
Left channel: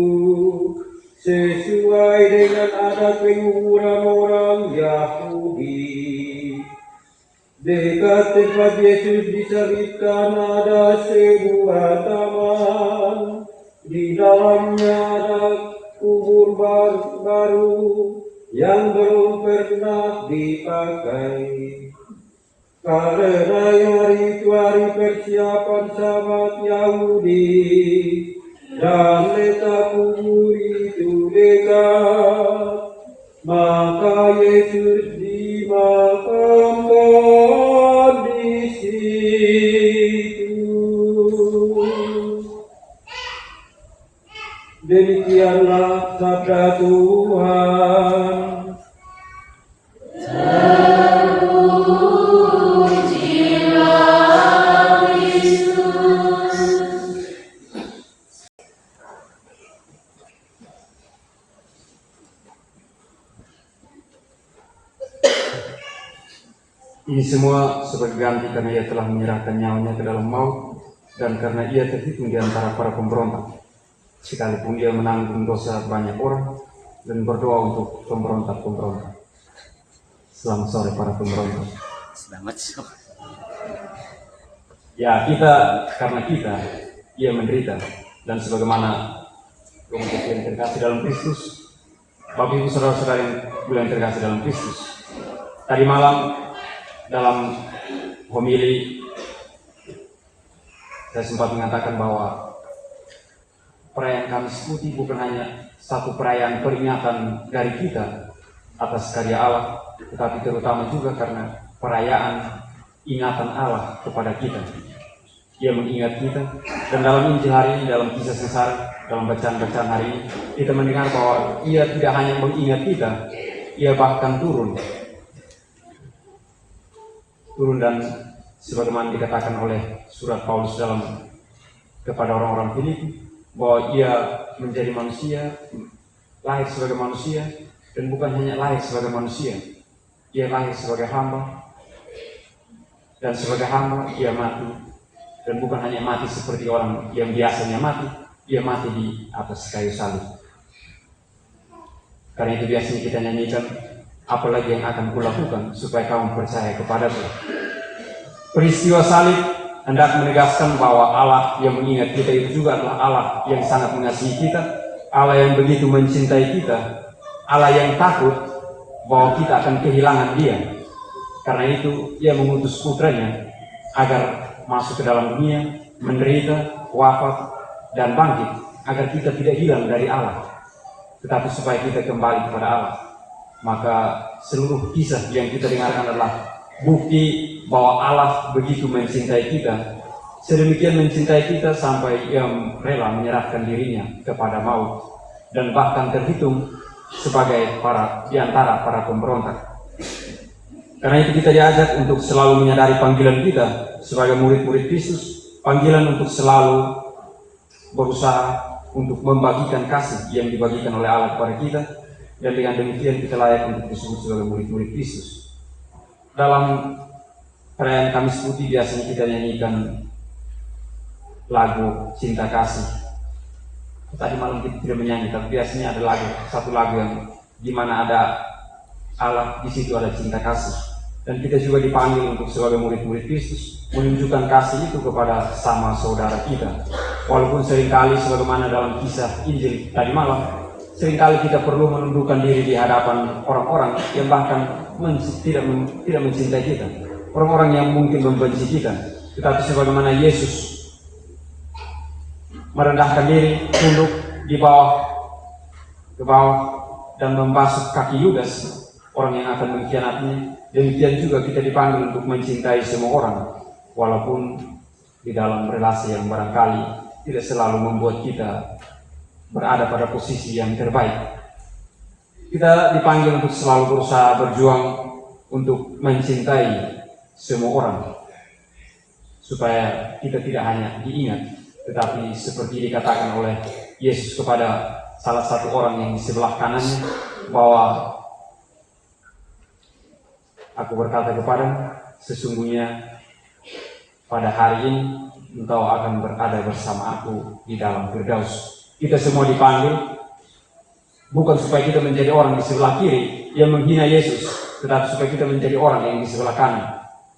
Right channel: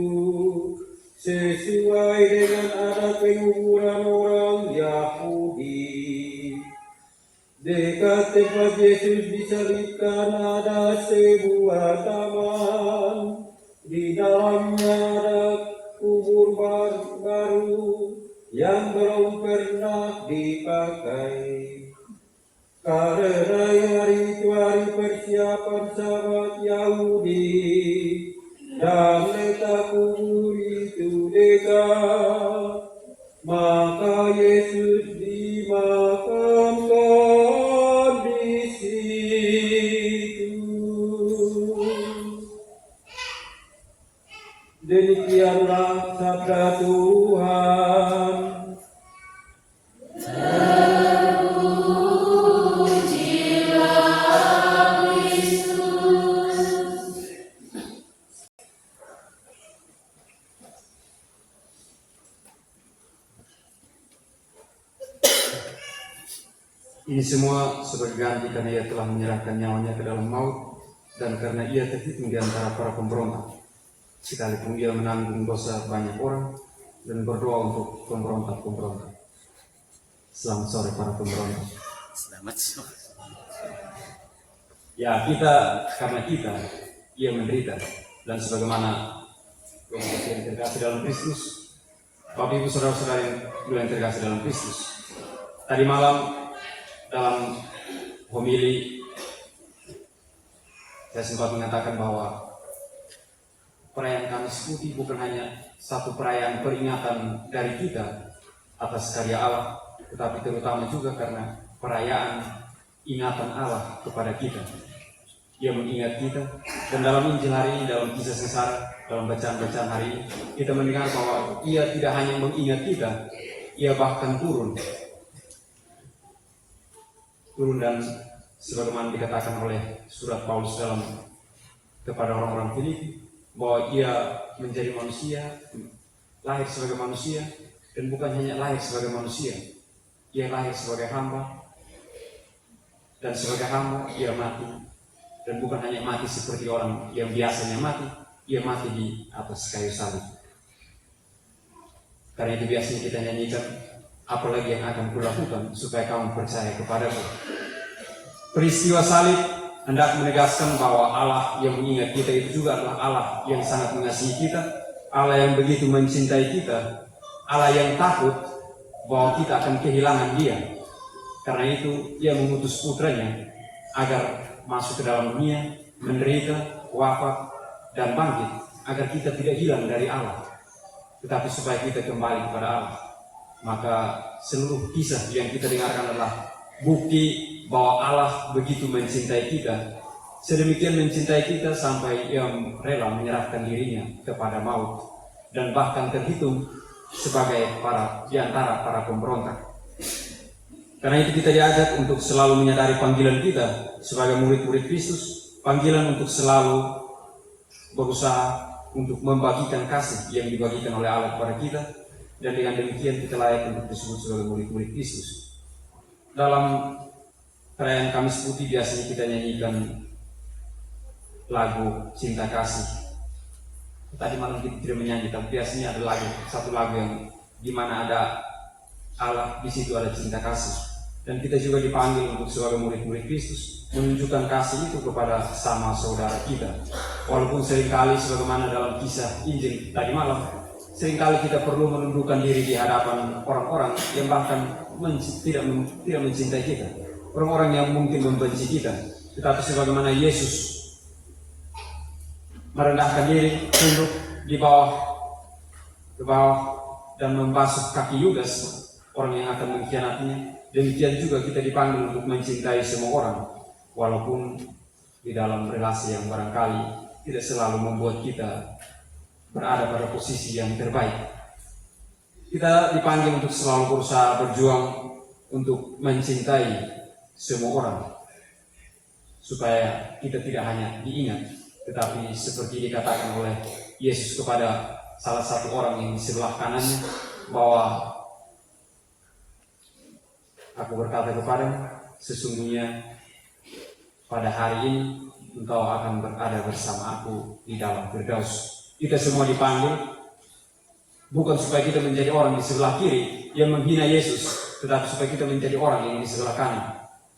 sesuai dengan adat penguburan orang Yahudi. Dekat tempat Yesus disalibkan ada sebuah taman. Di dalamnya ada kubur baru yang belum pernah dipakai. Karena hari itu hari persiapan Sabat Yahudi, dan letak kubur itu dekat, maka Yesus dimakamkan di situ. Demikianlah sabda Tuhan. Ini semua sebagai ganti karena ia telah menyerahkan nyawanya ke dalam maut, dan karena ia terhitung di antara para pemberontak, sekalipun ia menanggung dosa banyak orang dan berdoa untuk pemberontak-pemberontak. Selamat sore para pemberontak. Selamat sore. Ya, karena kita, ia menderita, dan sebagaimana kemudian yang terkasih dalam Kristus, Bapak Ibu Saudara-saudara yang terkasih dalam Kristus. Tadi malam dalam homili saya sempat mengatakan bahwa perayaan Kamis Putih bukan hanya satu perayaan peringatan dari kita atas karya Allah, tetapi terutama juga karena perayaan ingatan Allah kepada kita. Ia mengingat kita, dan dalam Injil hari ini, dalam kisah sengsara, dalam bacaan-bacaan hari ini, kita mendengar bahwa ia tidak hanya mengingat kita, ia bahkan turun dan sebagaimana dikatakan oleh surat Paulus kepada orang-orang Filipi, bahwa ia menjadi manusia, lahir sebagai manusia, dan bukan hanya lahir sebagai manusia, ia lahir sebagai hamba, dan sebagai hamba ia mati, dan bukan hanya mati seperti orang yang biasanya mati, ia mati di atas kayu salib. Karena itu biasanya kita nyanyikan, apalagi yang akan kulakukan supaya kamu percaya kepadaku. Peristiwa salib hendak menegaskan bahwa Allah yang mengingat kita itu juga adalah Allah yang sangat mengasihi kita, Allah yang begitu mencintai kita, Allah yang takut bahwa kita akan kehilangan Dia. Karena itu Ia mengutus putranya agar masuk ke dalam dunia, menderita, wafat, dan bangkit, agar kita tidak hilang dari Allah, tetapi supaya kita kembali kepada Allah. Maka seluruh kisah yang kita dengarkan adalah bukti bahwa Allah begitu mencintai kita, sedemikian mencintai kita sampai Ia rela menyerahkan dirinya kepada maut, dan bahkan terhitung sebagai di antara para pemberontak. Karena itu kita diajak untuk selalu menyadari panggilan kita sebagai murid-murid Kristus, panggilan untuk selalu berusaha untuk membagikan kasih yang dibagikan oleh Allah kepada kita, dan dengan demikian kita layak untuk disebut sebagai murid-murid Kristus. Dalam perayaan Kamis Putih biasanya kita nyanyikan lagu cinta kasih, tadi malam kita tidak menyanyi, tapi biasanya ada satu lagu yang dimana ada Allah, di situ ada cinta kasih. Dan kita juga dipanggil untuk sebagai murid-murid Kristus menunjukkan kasih itu kepada sama saudara kita. Walaupun seringkali sebagaimana dalam kisah Injil tadi malam, seringkali kita perlu menundukkan diri di hadapan orang-orang yang bahkan tidak mencintai kita, orang-orang yang mungkin membenci kita. Tetapi sebagaimana Yesus merendahkan diri, tunduk ke bawah dan membasuh kaki Yudas, orang yang akan mengkhianatinya, demikian juga kita dipanggil untuk mencintai semua orang, walaupun di dalam relasi yang barangkali tidak selalu membuat kita berada pada posisi yang terbaik. Kita dipanggil untuk selalu berusaha berjuang untuk mencintai semua orang, supaya kita tidak hanya diingat, tetapi seperti dikatakan oleh Yesus kepada salah satu orang yang di sebelah kanannya, bahwa aku berkata kepadamu, sesungguhnya pada hari ini engkau akan berada bersama aku di dalam Firdaus. Kita semua dipanggil bukan supaya kita menjadi orang di sebelah kiri yang menghina Yesus, tetapi supaya kita menjadi orang yang di sebelah kanan,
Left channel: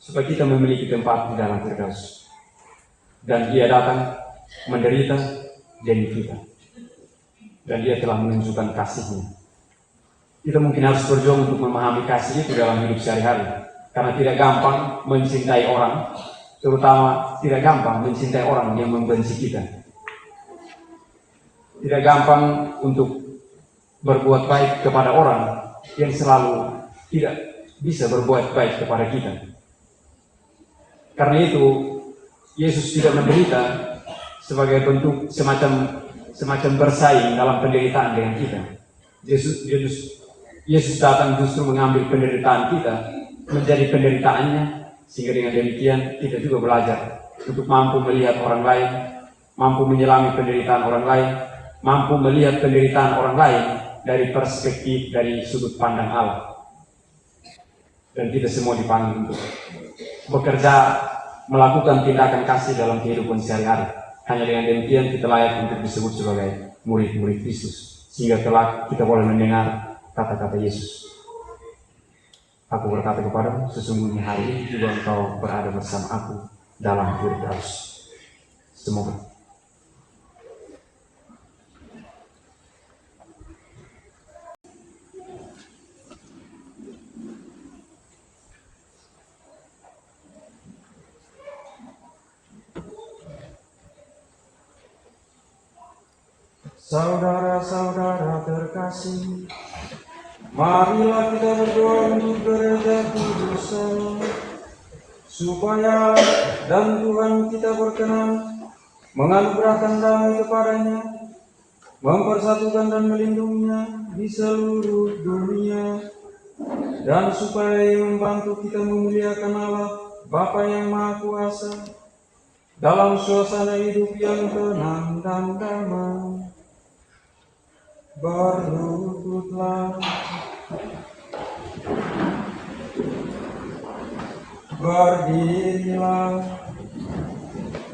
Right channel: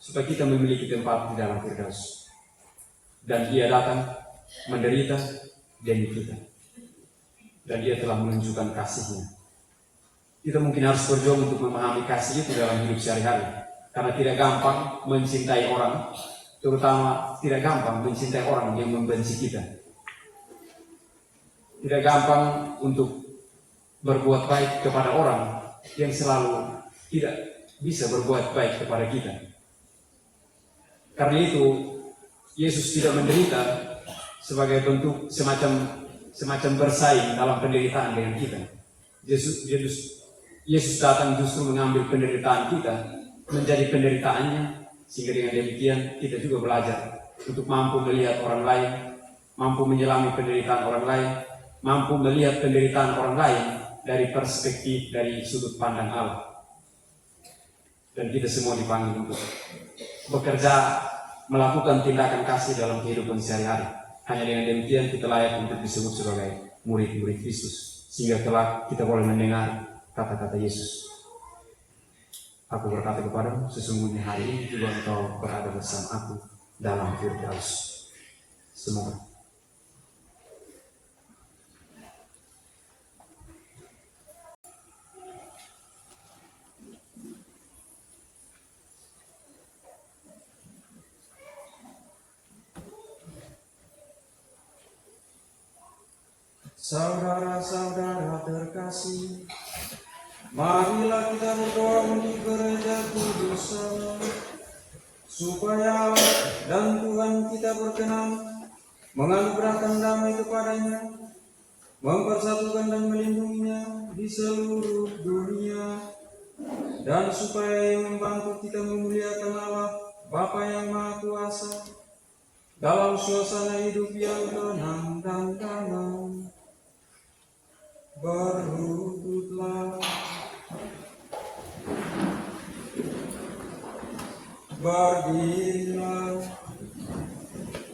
supaya kita memiliki tempat di dalam Firdaus. Dan Dia datang menderita demi kita, dan Dia telah menunjukkan kasih-Nya. Kita mungkin harus berjuang untuk memahami kasih itu dalam hidup sehari-hari, karena tidak gampang mencintai orang, terutama tidak gampang mencintai orang yang membenci kita. Tidak gampang untuk berbuat baik kepada orang yang selalu tidak bisa berbuat baik kepada kita. Karena itu Yesus tidak menderita sebagai bentuk semacam bersaing dalam penderitaan dengan kita. Yesus datang justru mengambil penderitaan kita menjadi penderitaannya, sehingga dengan demikian kita juga belajar untuk mampu melihat orang lain, mampu menyelami penderitaan orang lain, mampu melihat penderitaan orang lain dari perspektif, dari sudut pandang Allah. Dan kita semua dipanggil untuk bekerja, melakukan tindakan kasih dalam kehidupan sehari-hari. Hanya dengan demikian kita layak untuk disebut sebagai murid-murid Kristus, sehingga kelak kita boleh mendengar kata-kata Yesus. Aku berkata kepadamu, sesungguhnya hari ini juga engkau berada bersama aku dalam Firdaus. Semoga. Saudara-saudara terkasih, marilah kita berdoa untuk gereja kudus Allah, supaya dan Tuhan kita berkenan menganugerahkan damai kepadanya, mempersatukan dan melindunginya di seluruh dunia, dan supaya membantu kita memuliakan Allah Bapa yang Maha Kuasa dalam suasana hidup yang tenang dan damai. Berlututlah, berdirilah.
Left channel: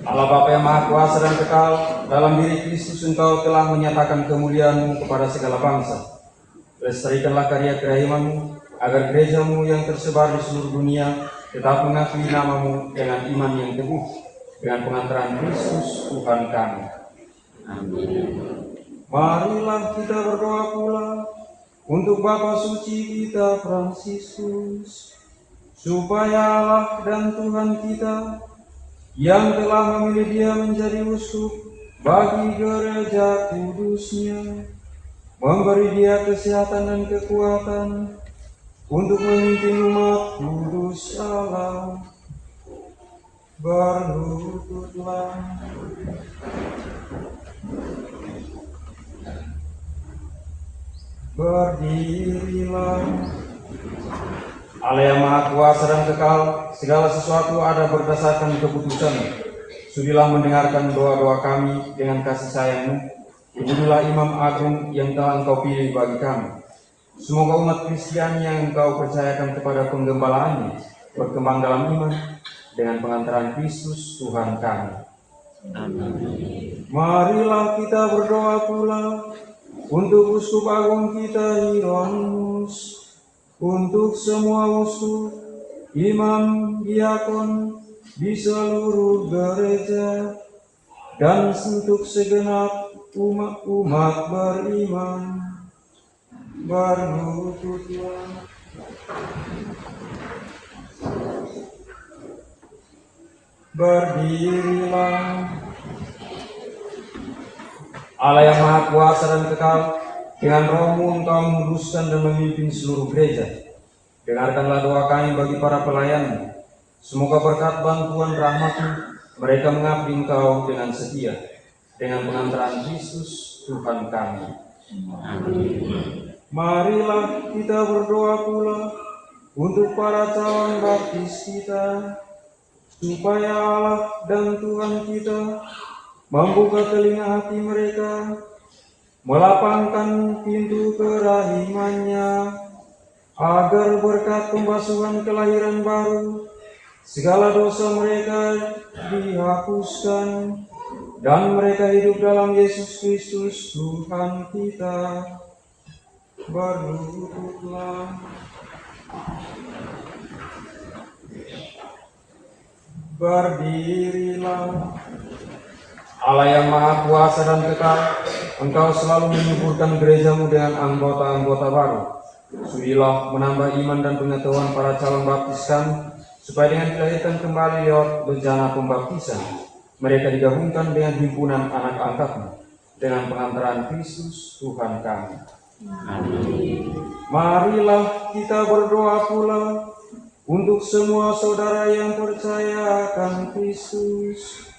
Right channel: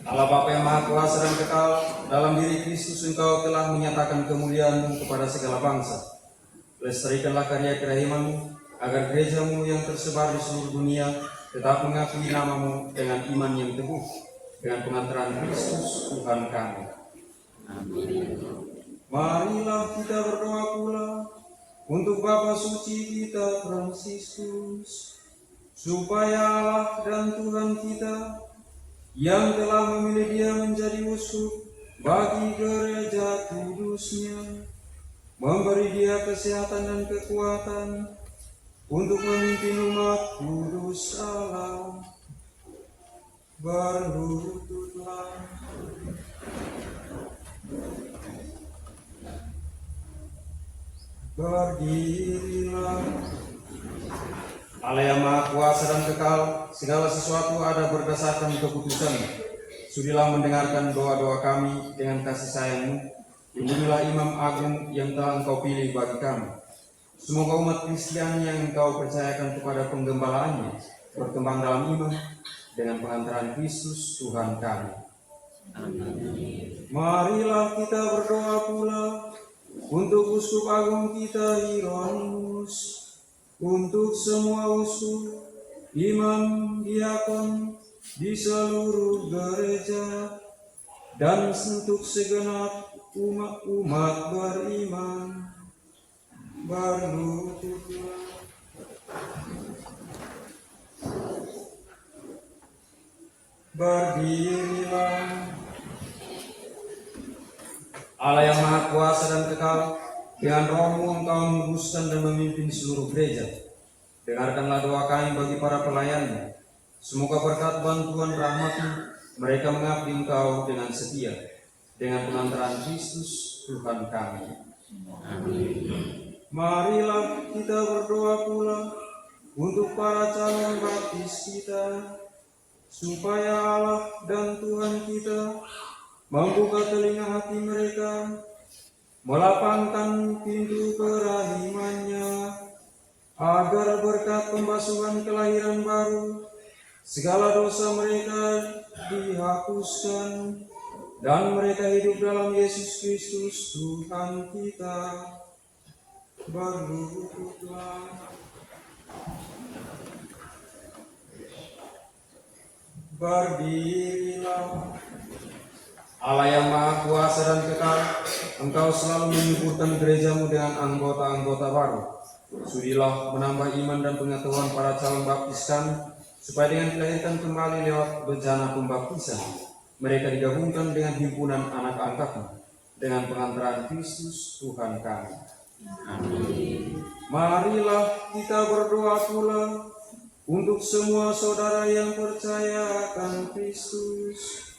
Allah Bapa yang Maha Kuasa dan kekal, dalam diri Kristus Engkau telah menyatakan kemuliaan-Mu kepada segala bangsa. Lestarikanlah karya kerahiman-Mu, agar gereja-Mu yang tersebar di seluruh dunia tetap mengakui nama-Mu dengan iman yang teguh, dengan pengantaran Kristus Tuhan kami. Amin. Marilah kita berdoa pula untuk Bapa Suci kita Fransiskus, supaya Allah dan Tuhan kita yang telah memilih dia menjadi uskup bagi gereja kudusnya, memberi dia kesehatan dan kekuatan untuk memimpin umat kudus Allah. Berlututlah, berdirilah. Allah yang Maha Kuasa dan kekal, segala sesuatu ada berdasarkan keputusan. Sudilah mendengarkan doa-doa kami dengan kasih sayang-Mu. Inilah Imam Agung yang telah Engkau pilih bagi kami. Semoga umat Kristiani yang Engkau percayakan kepada penggembalaannya berkembang dalam iman dengan pengantaran Kristus Tuhan kami. Marilah kita berdoa pula untuk Uskup Agung kita Hieronymus, untuk semua uskup, imam, diakon di seluruh gereja, dan untuk segenap umat beriman. Berlututlah. Berdirilah. Allah yang Maha Kuasa dan kekal, dengan Roh-Mu Engkau meluruskan dan memimpin seluruh gereja. Dengarkanlah doa kami bagi para pelayan. Semoga berkat bantuan rahmat-Mu mereka mengabdi Engkau dengan setia, dengan pengantaran Kristus Tuhan kami. Marilah kita berdoa pula untuk para calon baptis kita, supaya Allah dan Tuhan kita membuka telinga hati mereka, melapangkan pintu kerahimannya, agar berkat pembasuhan kelahiran baru, segala dosa mereka dihapuskan, dan mereka hidup dalam Yesus Kristus Tuhan kita. Berlututlah. Berdirilah. Allah yang Maha Kuasa dan kekal, Engkau selalu menyuburkan gereja-Mu dengan anggota-anggota baru. Sudilah menambah iman dan pengetahuan para calon baptis kami, supaya dengan dilahirkan kembali lewat bejana pembaptisan, mereka digabungkan dengan himpunan anak angkat-Mu, dengan pengantaran Kristus Tuhan kami. Amin. Marilah kita berdoa pula untuk semua saudara yang percaya akan Kristus,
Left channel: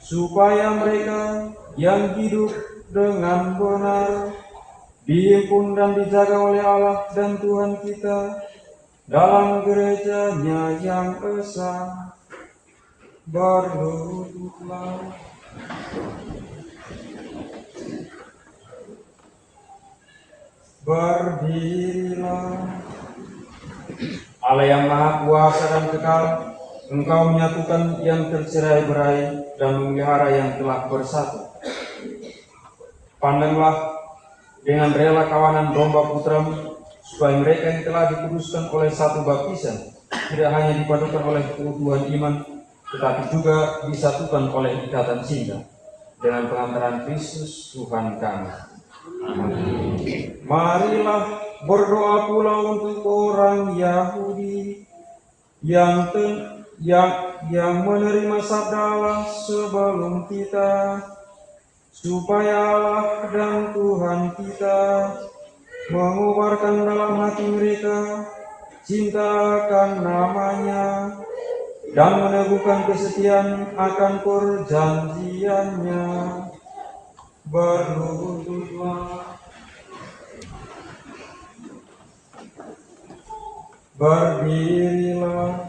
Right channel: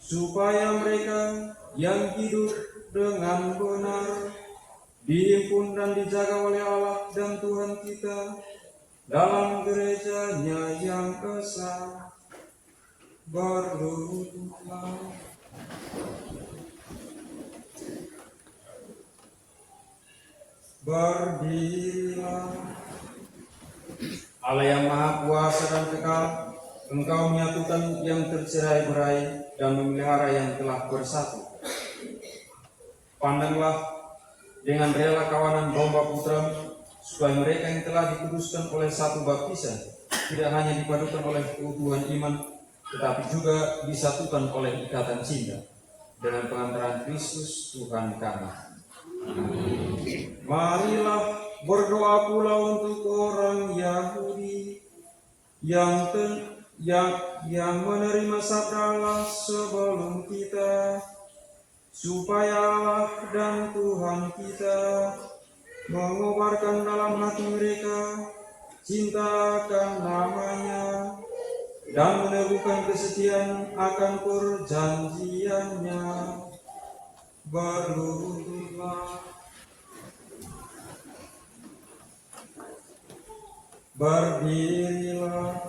supaya mereka yang hidup dengan benar dihimpun dan dijaga oleh Allah dan Tuhan kita dalam gereja-Nya yang esa. Berlututlah. Berdirilah. Allah yang Maha Kuasa dan kekal, Engkau menyatukan yang tercerai-berai dan memelihara yang telah bersatu. Pandanglah dengan rela kawanan domba putra-Mu, supaya mereka yang telah dikuduskan oleh satu baptisan tidak hanya dipadukan oleh keutuhan iman, tetapi juga disatukan oleh ikatan cinta dengan pengantaran Kristus Tuhan kami. Amin. Marilah berdoa pula untuk orang Yahudi yang menerima sabda Allah sebelum kita, supaya Allah dan Tuhan kita mengubarkan dalam hati mereka cinta akan namanya dan meneguhkan kesetiaan akan perjanjiannya. Berlututlah. Berdirilah.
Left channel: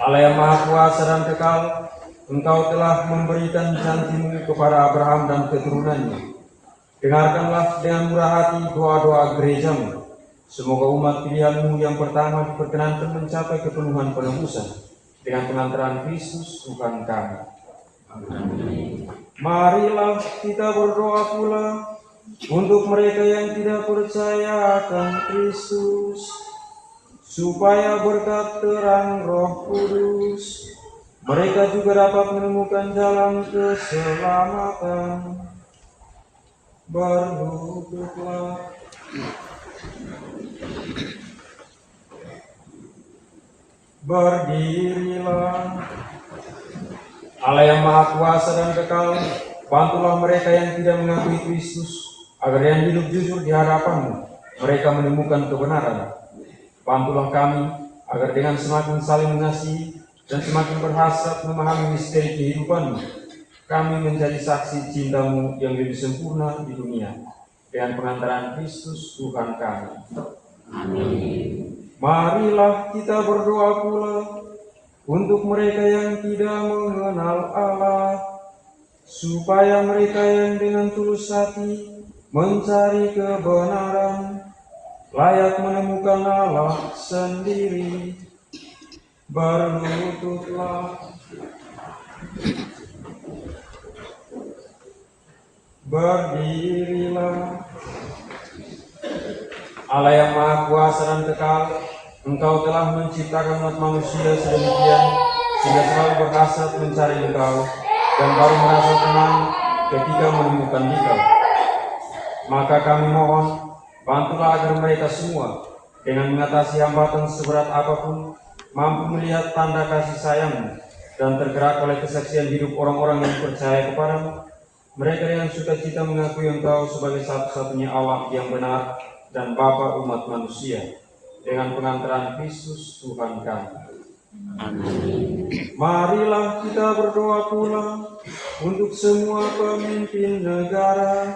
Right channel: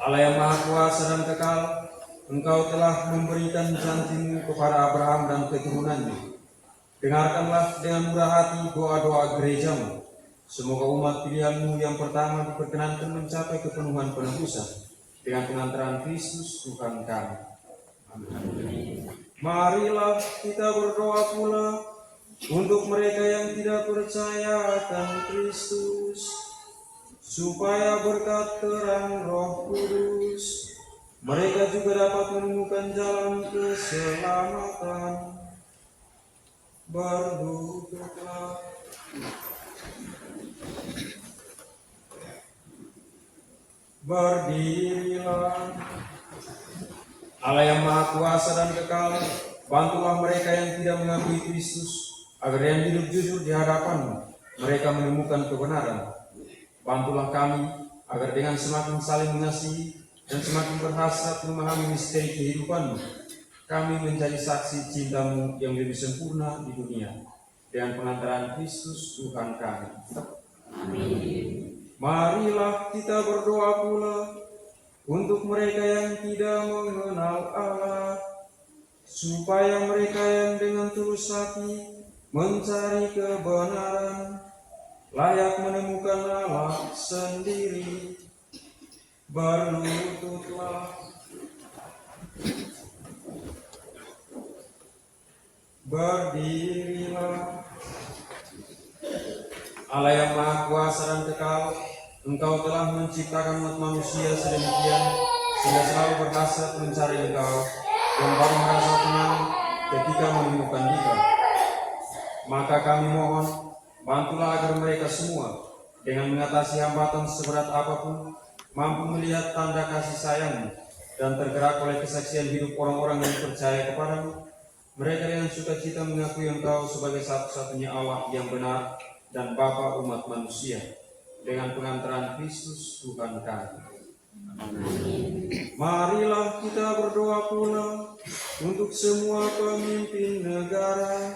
Allah yang Maha Kuasa dan kekal, Engkau telah memberikan janji-Mu kepada Abraham dan keturunannya. Dengarkanlah dengan murah hati doa-doa gereja-Mu. Semoga umat pilihan-Mu yang pertama diperkenankan mencapai kepenuhan penebusan dengan pengantaran Kristus Tuhan kami. Amin. Marilah kita berdoa pula untuk mereka yang tidak percaya akan Kristus, supaya berkat terang Roh Kudus mereka juga dapat menemukan jalan keselamatan. Berlututlah. Berdirilah. Allah yang Maha Kuasa dan kekal, bantulah mereka yang tidak mengakui Kristus, agar yang hidup jujur di hadapan-Mu mereka menemukan kebenaran. Bantulah kami agar dengan semakin saling mengasihi dan semakin berhasrat memahami misteri kehidupan-Mu, kami menjadi saksi cinta-Mu yang lebih sempurna di dunia dengan pengantaran Kristus Tuhan kami. Amin. Marilah kita berdoa pula untuk mereka yang tidak mengenal Allah, supaya mereka yang dengan tulus hati mencari kebenaran layak menemukan Allah sendiri. Berlututlah. Berdirilah. Allah yang Maha Kuasa dan Kekal, Engkau telah menciptakan umat manusia sedemikian sehingga selalu berhasrat mencari Engkau dan baru merasa tenang ketika menemukan Dikau. Maka kami mohon, bantulah agar mereka semua dengan mengatasi hambatan seberat apapun mampu melihat tanda kasih sayang-Mu dan tergerak oleh kesaksian hidup orang-orang yang percaya kepadamu. Mereka dengan sukacita mengakui Engkau sebagai satu-satunya Allah yang benar dan Bapa umat manusia, dengan pengantaran Kristus Tuhan kami. Marilah kita berdoa pula untuk semua pemimpin negara,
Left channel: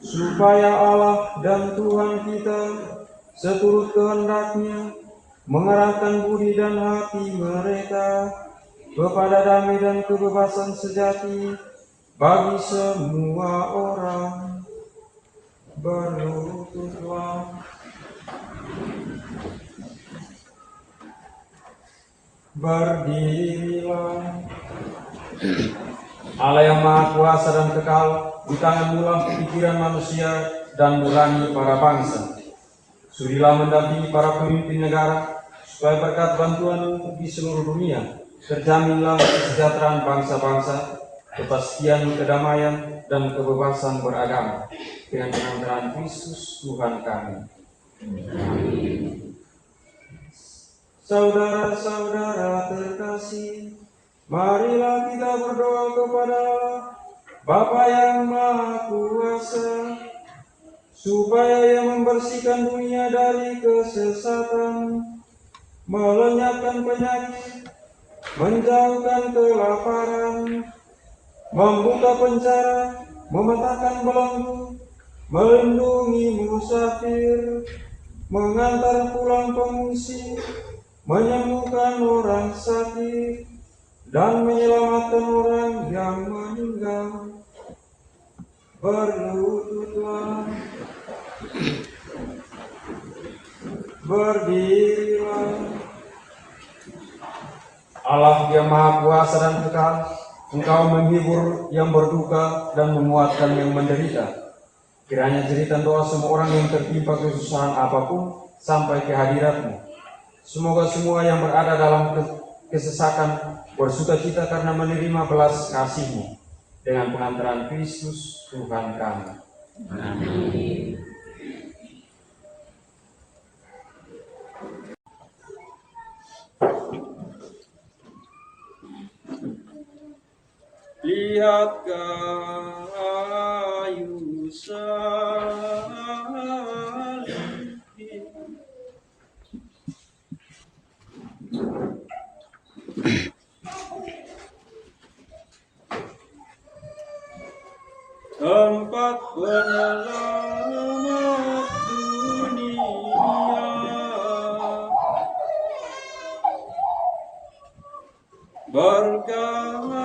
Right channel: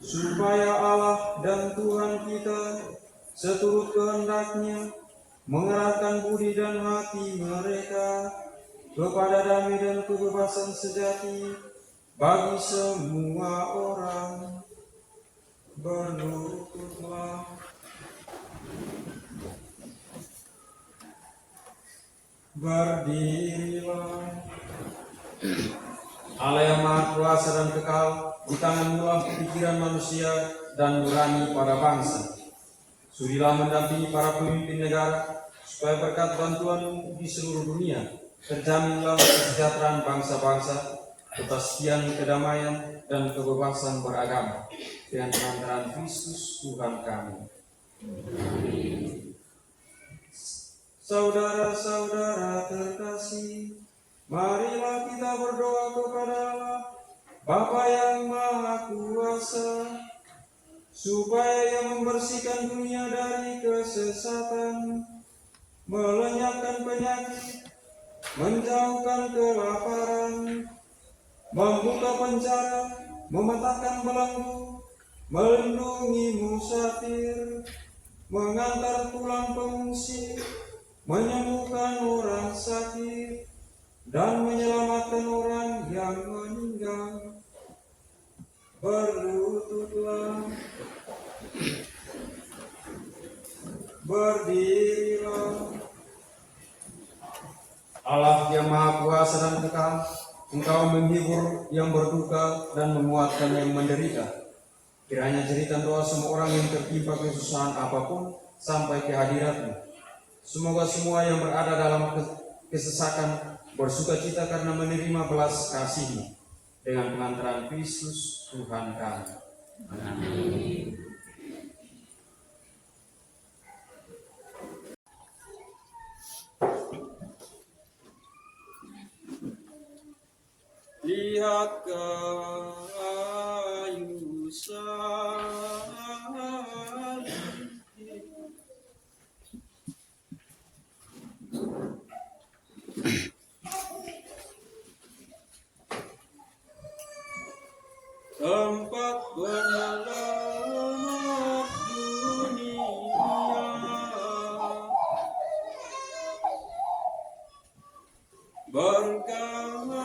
supaya Allah dan Tuhan kita seturut kehendak-Nya mengarahkan budi dan hati mereka kepada damai dan kebebasan sejati bagi semua orang. Berlututlah. Berdirilah. Allah yang Maha Kuasa dan Kekal, di tangan mulah pikiran manusia dan nurani para bangsa. Sudilah mendampingi para pemimpin negara, supaya berkat bantuan di seluruh dunia terjaminlah kesejahteraan bangsa-bangsa, kepastian kedamaian dan kebebasan beragama, dengan pengantaran Kristus Tuhan kami. Saudara-saudara terkasih, marilah kita berdoa kepada Allah, Bapa yang Maha Kuasa, supaya Ia membersihkan dunia dari kesesatan, melenyapkan penyakit, menjauhkan kelaparan, membuka penjara, memetakan belenggu, melindungi musafir, mengantar pulang pengungsi, menyembuhkan orang sakit, dan menyelamatkan orang yang meninggal. Berlututlah. Berdirilah. Allah yang Maha Kuasa dan Kekal, Engkau menghibur yang berduka dan menguatkan yang menderita. Kiranya cerita doa semua orang yang tertimpa kesusahan apapun sampai ke hadirat-Mu. Semoga semua yang berada dalam kesesakan bersukacita karena menerima belas kasih-Mu, dengan pengantaran Kristus Tuhan kami. Amin. Lihat kayu salib, tempat penyelamat dunia. Bergantung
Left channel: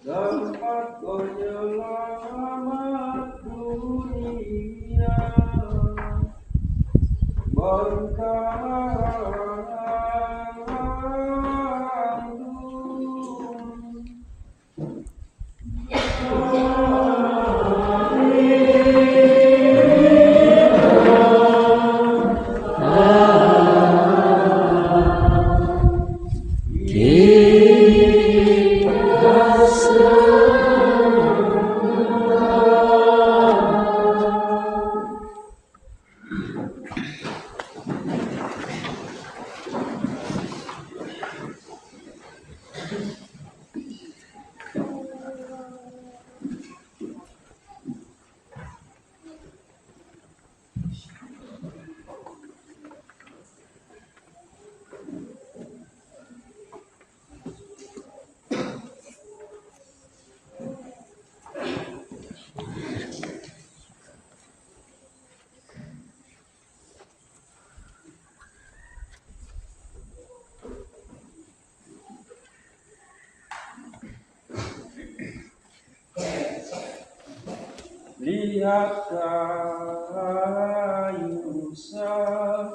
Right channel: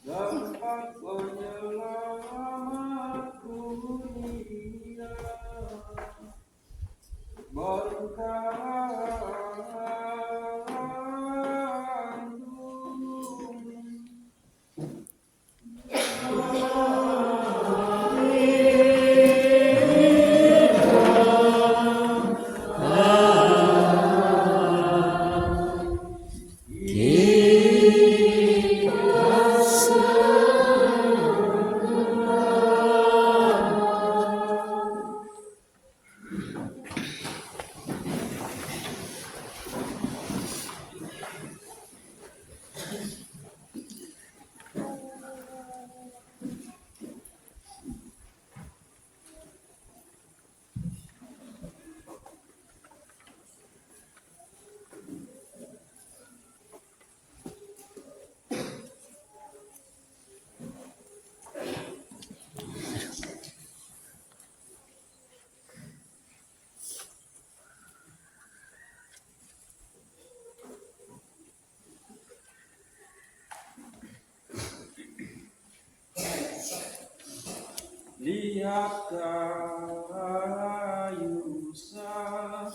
Tempat penyelamat dunia berkandung. Lihat kayu sah.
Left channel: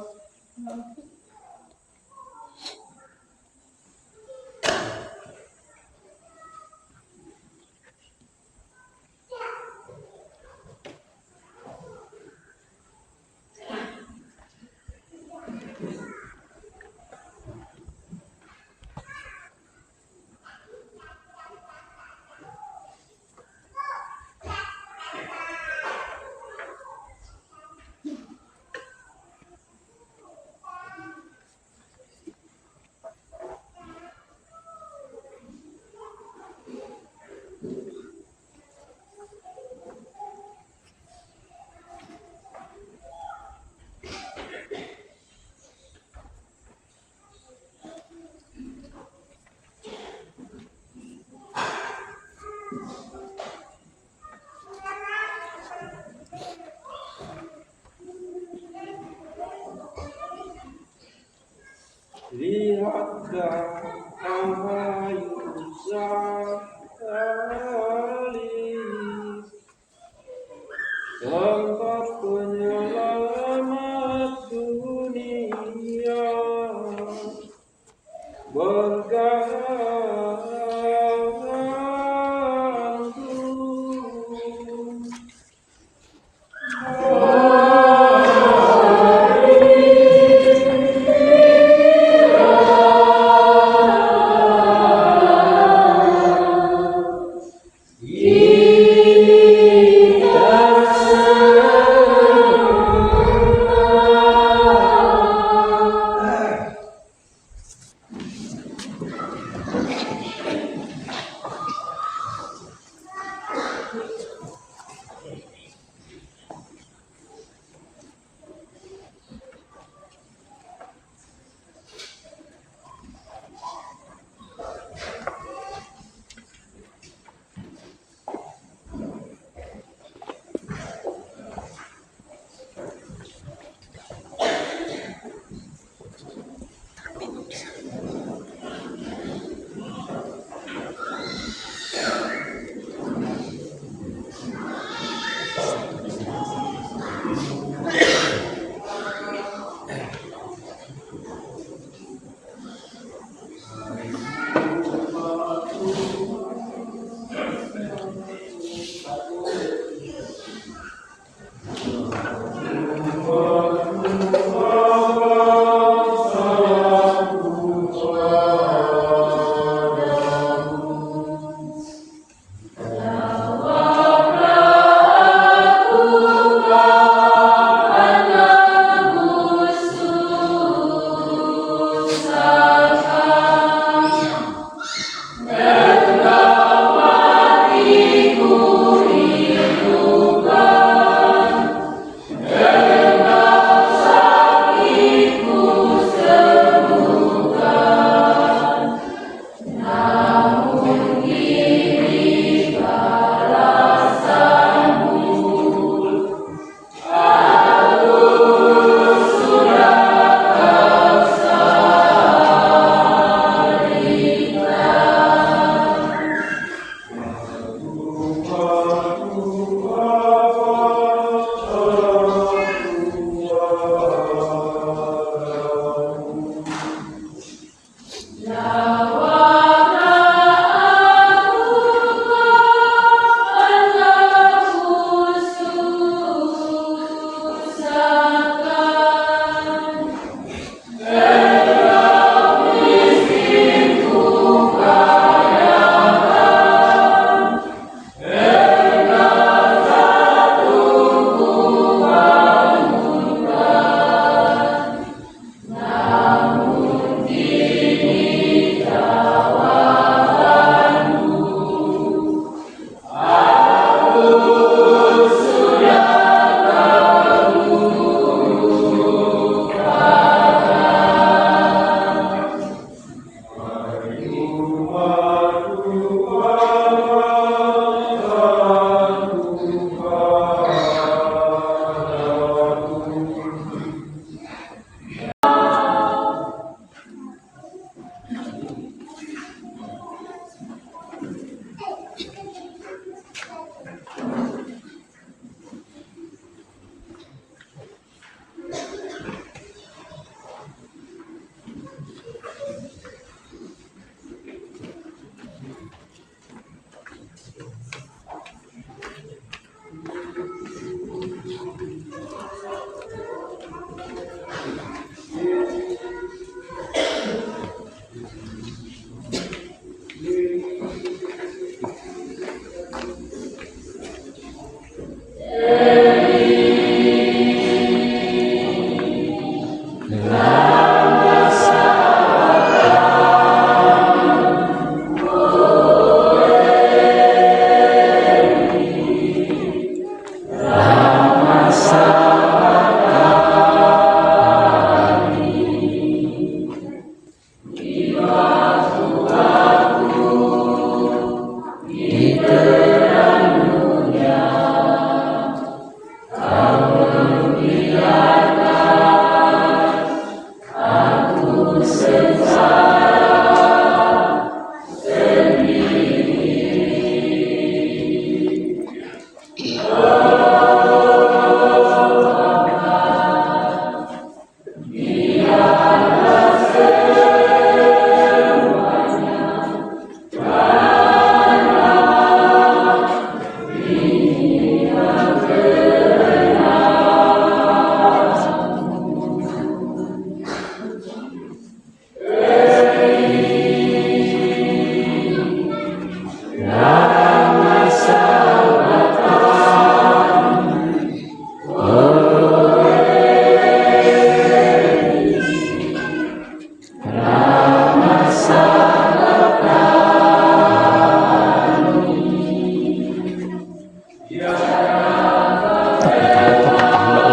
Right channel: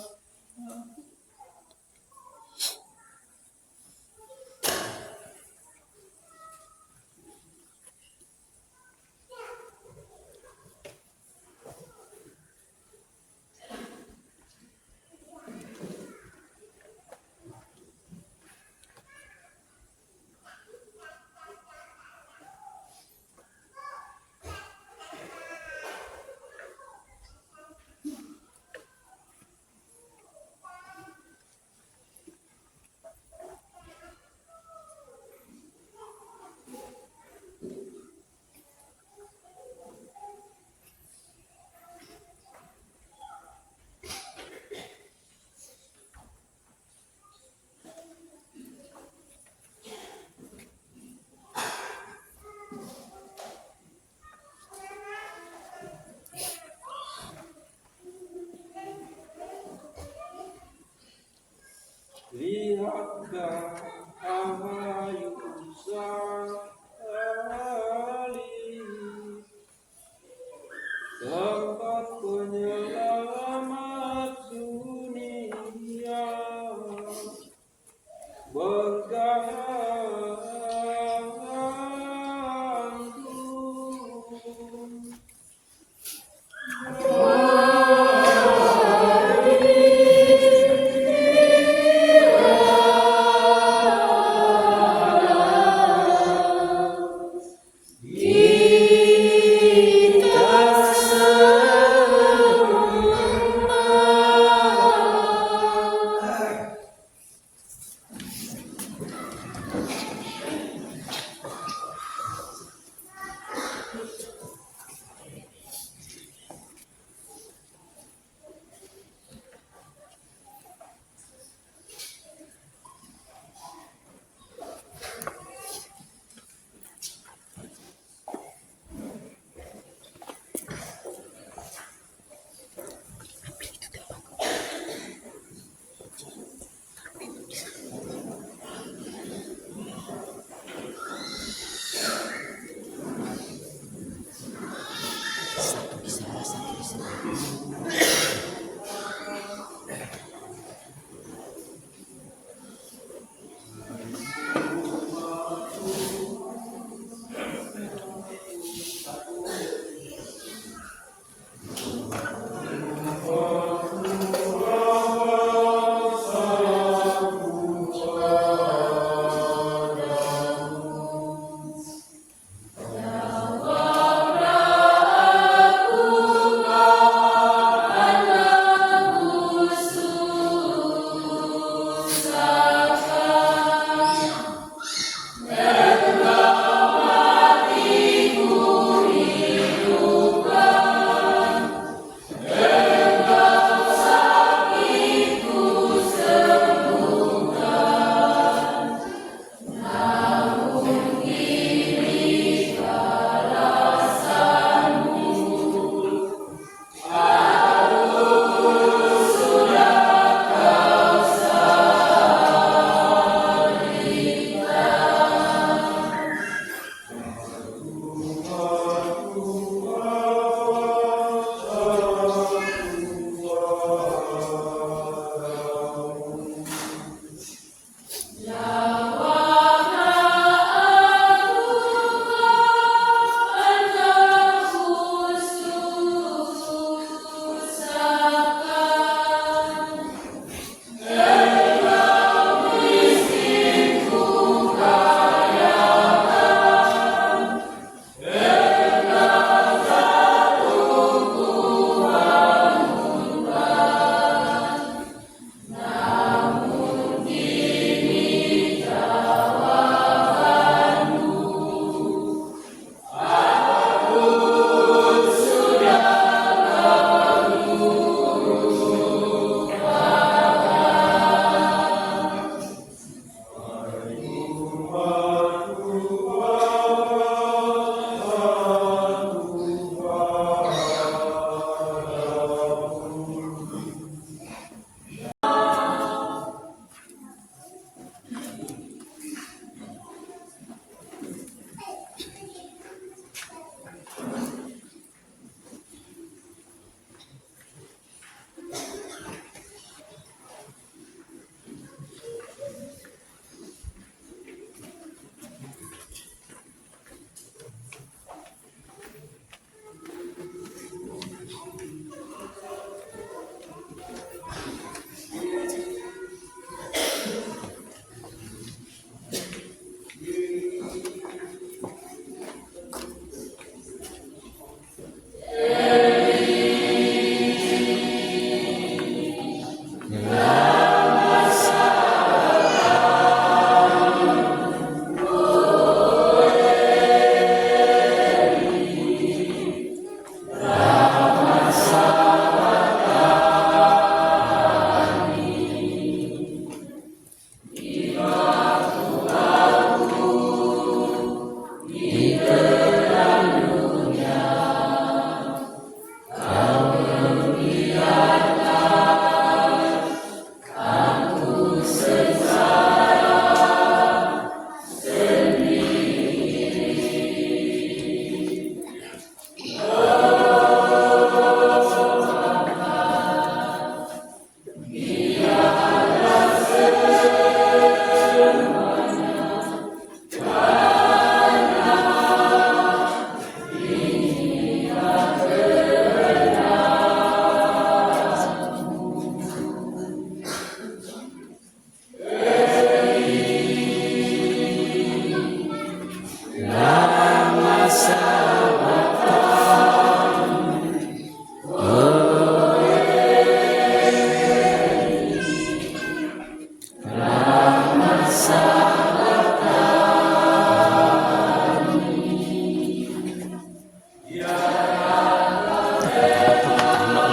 Lihat kayu sekali, tempat penyelamat dunia bergantung.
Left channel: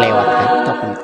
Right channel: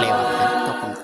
lewat kan takut.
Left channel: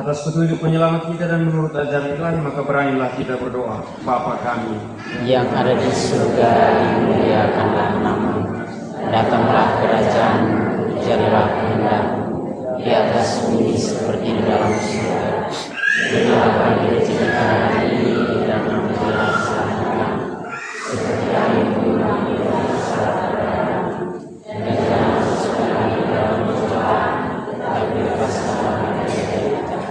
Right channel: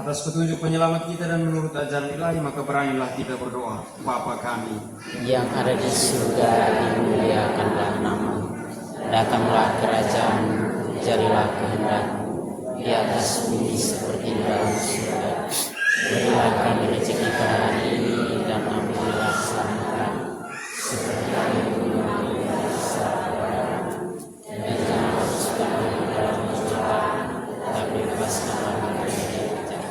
Atas petunjuk penyelamat kita dan menurut ajaran Ilahi, maka beranilah kita berdoa. Bapa kami Yang ada di surga, dimuliakanlah namamu. Datanglah kerajaan, jadilah kehendak-Mu di atas bumi seperti di dalam surga. Berilah kami rezeki hari ini dan ampunilah kesalahan kami, seperti kami mengampuni kesalahan kami. Dan jangan masukkan kami dalam pencobaan, tapi bebaskanlah kami dari yang jahat.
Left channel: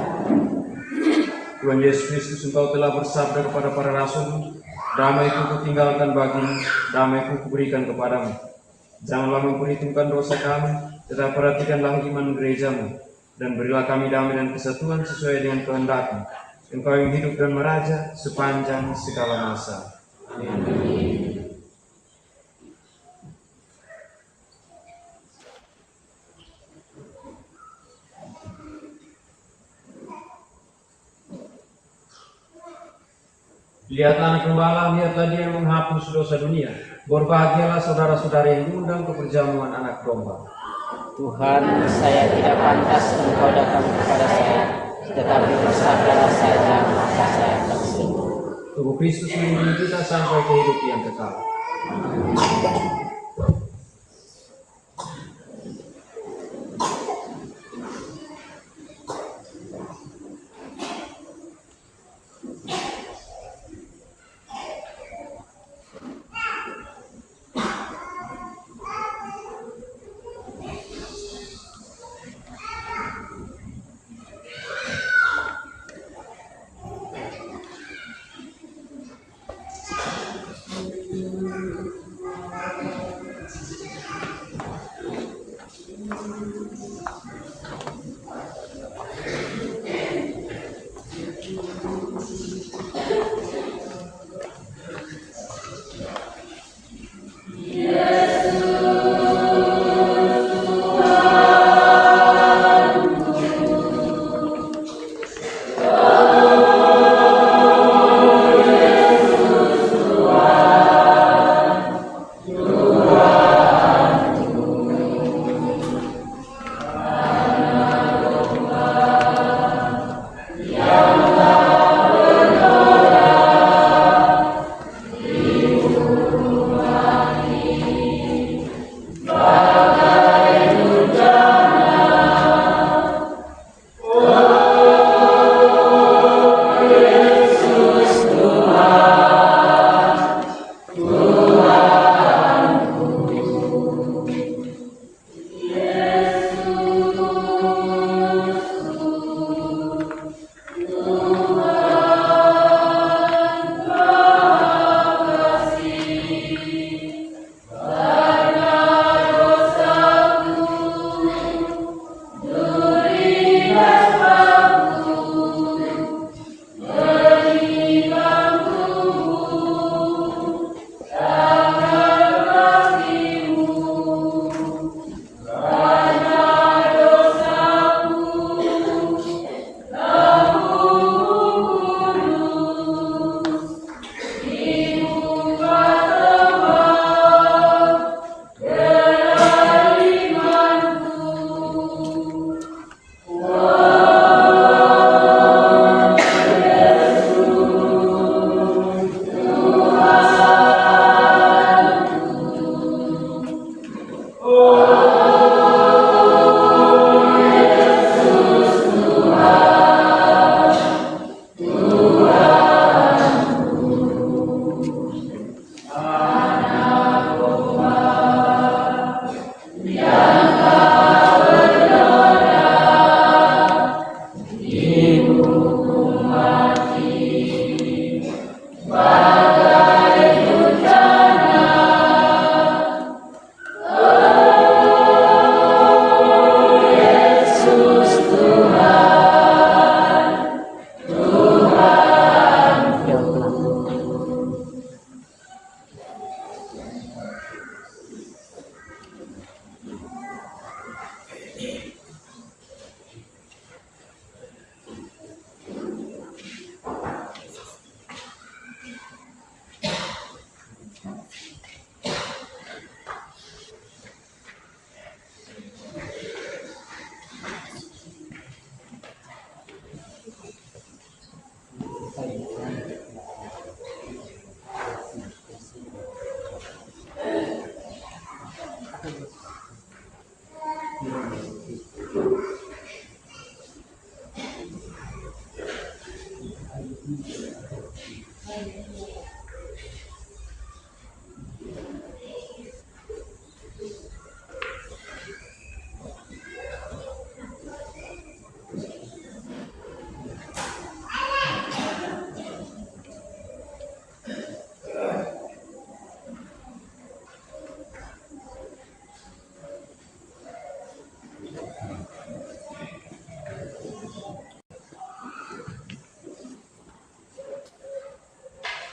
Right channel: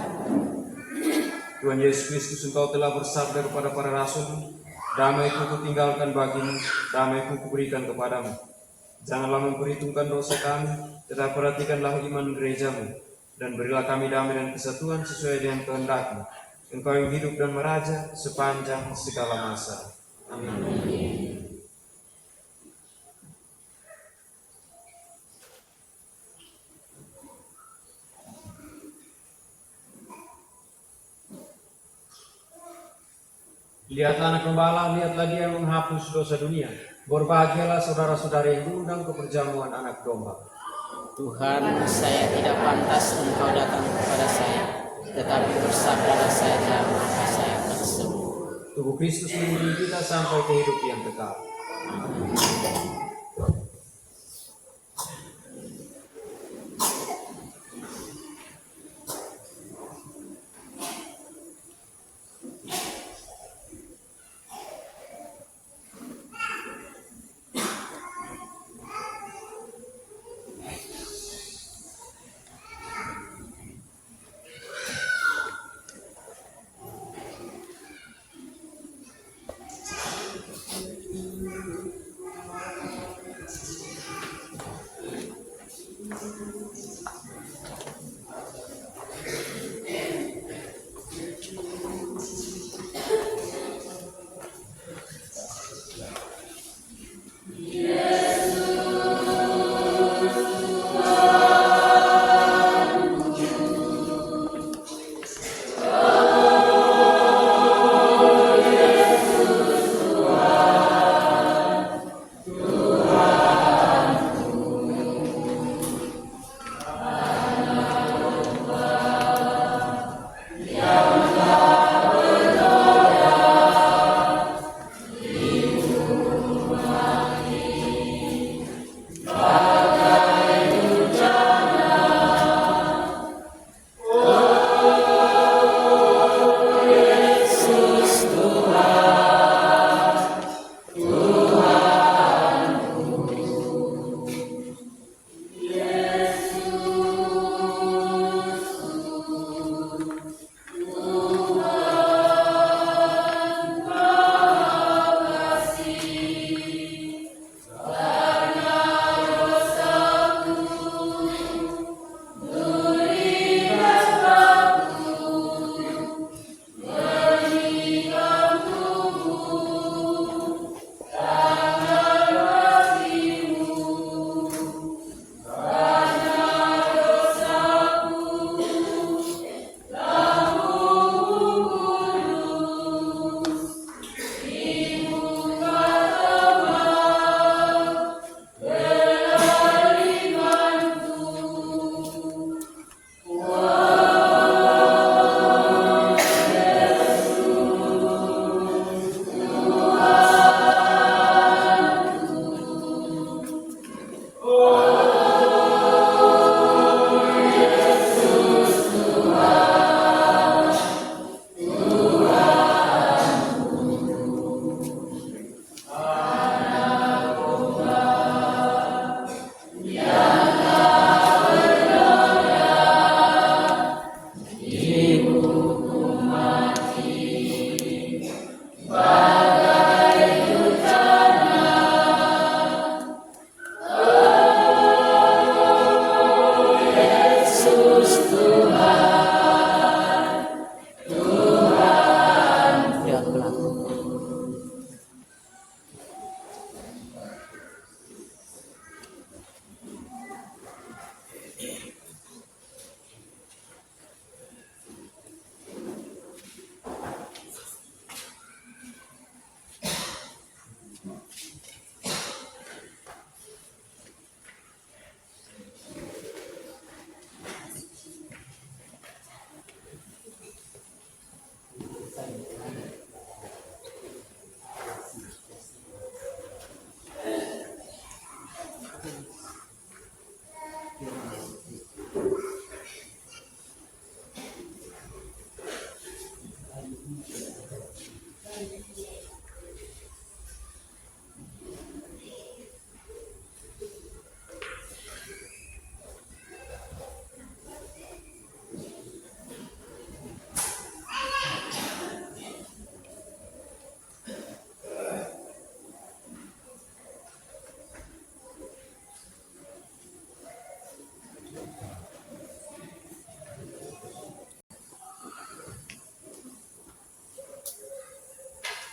Tuhan Yesus Kristus, Engkau telah bersabda kepada para rasul, damai-Ku kutinggalkan bagimu, damai-Ku kuberikan kepadamu. Janganlah memperhitungkan dosa kami, tetapi perhatikanlah iman gerejamu, dan berilah kami damai dan kesatuan sesuai dengan kehendak-Mu. Engkau yang hidup dan meraja sepanjang segala masa. Amin. Lihatlah anak gembala, lihatlah dia yang menghapus dosa dunia. Berbahagialah saudara-saudari yang diundang ke perjamuan anak domba. Tuhan, saya tidak pantas Engkau datang kepada saya, tetapi bersabdalah saja maka saya akan sembuh. Tubuh Kristus melindungi kita sampai ke hidup yang kekal.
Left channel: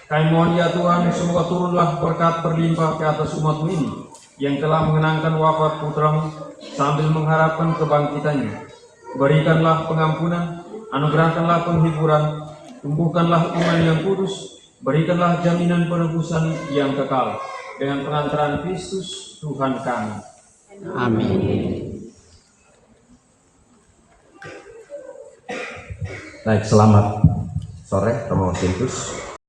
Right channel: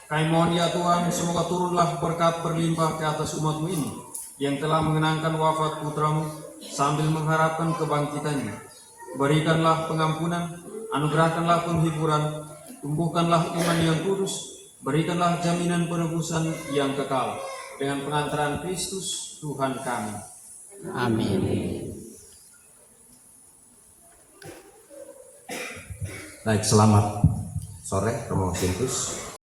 Kami mohon ya Tuhan, semoga turunlah berkat berlimpah ke atas umat-Mu ini yang telah mengenangkan wafat putra-Mu sambil mengharapkan kebangkitannya. Berikanlah pengampunan, anugerahkanlah penghiburan, tumbuhkanlah iman yang kudus, berikanlah jaminan penebusan yang kekal dengan pengantaran Kristus Tuhan kami. Amin. Baik, selamat sore Romo Sintus.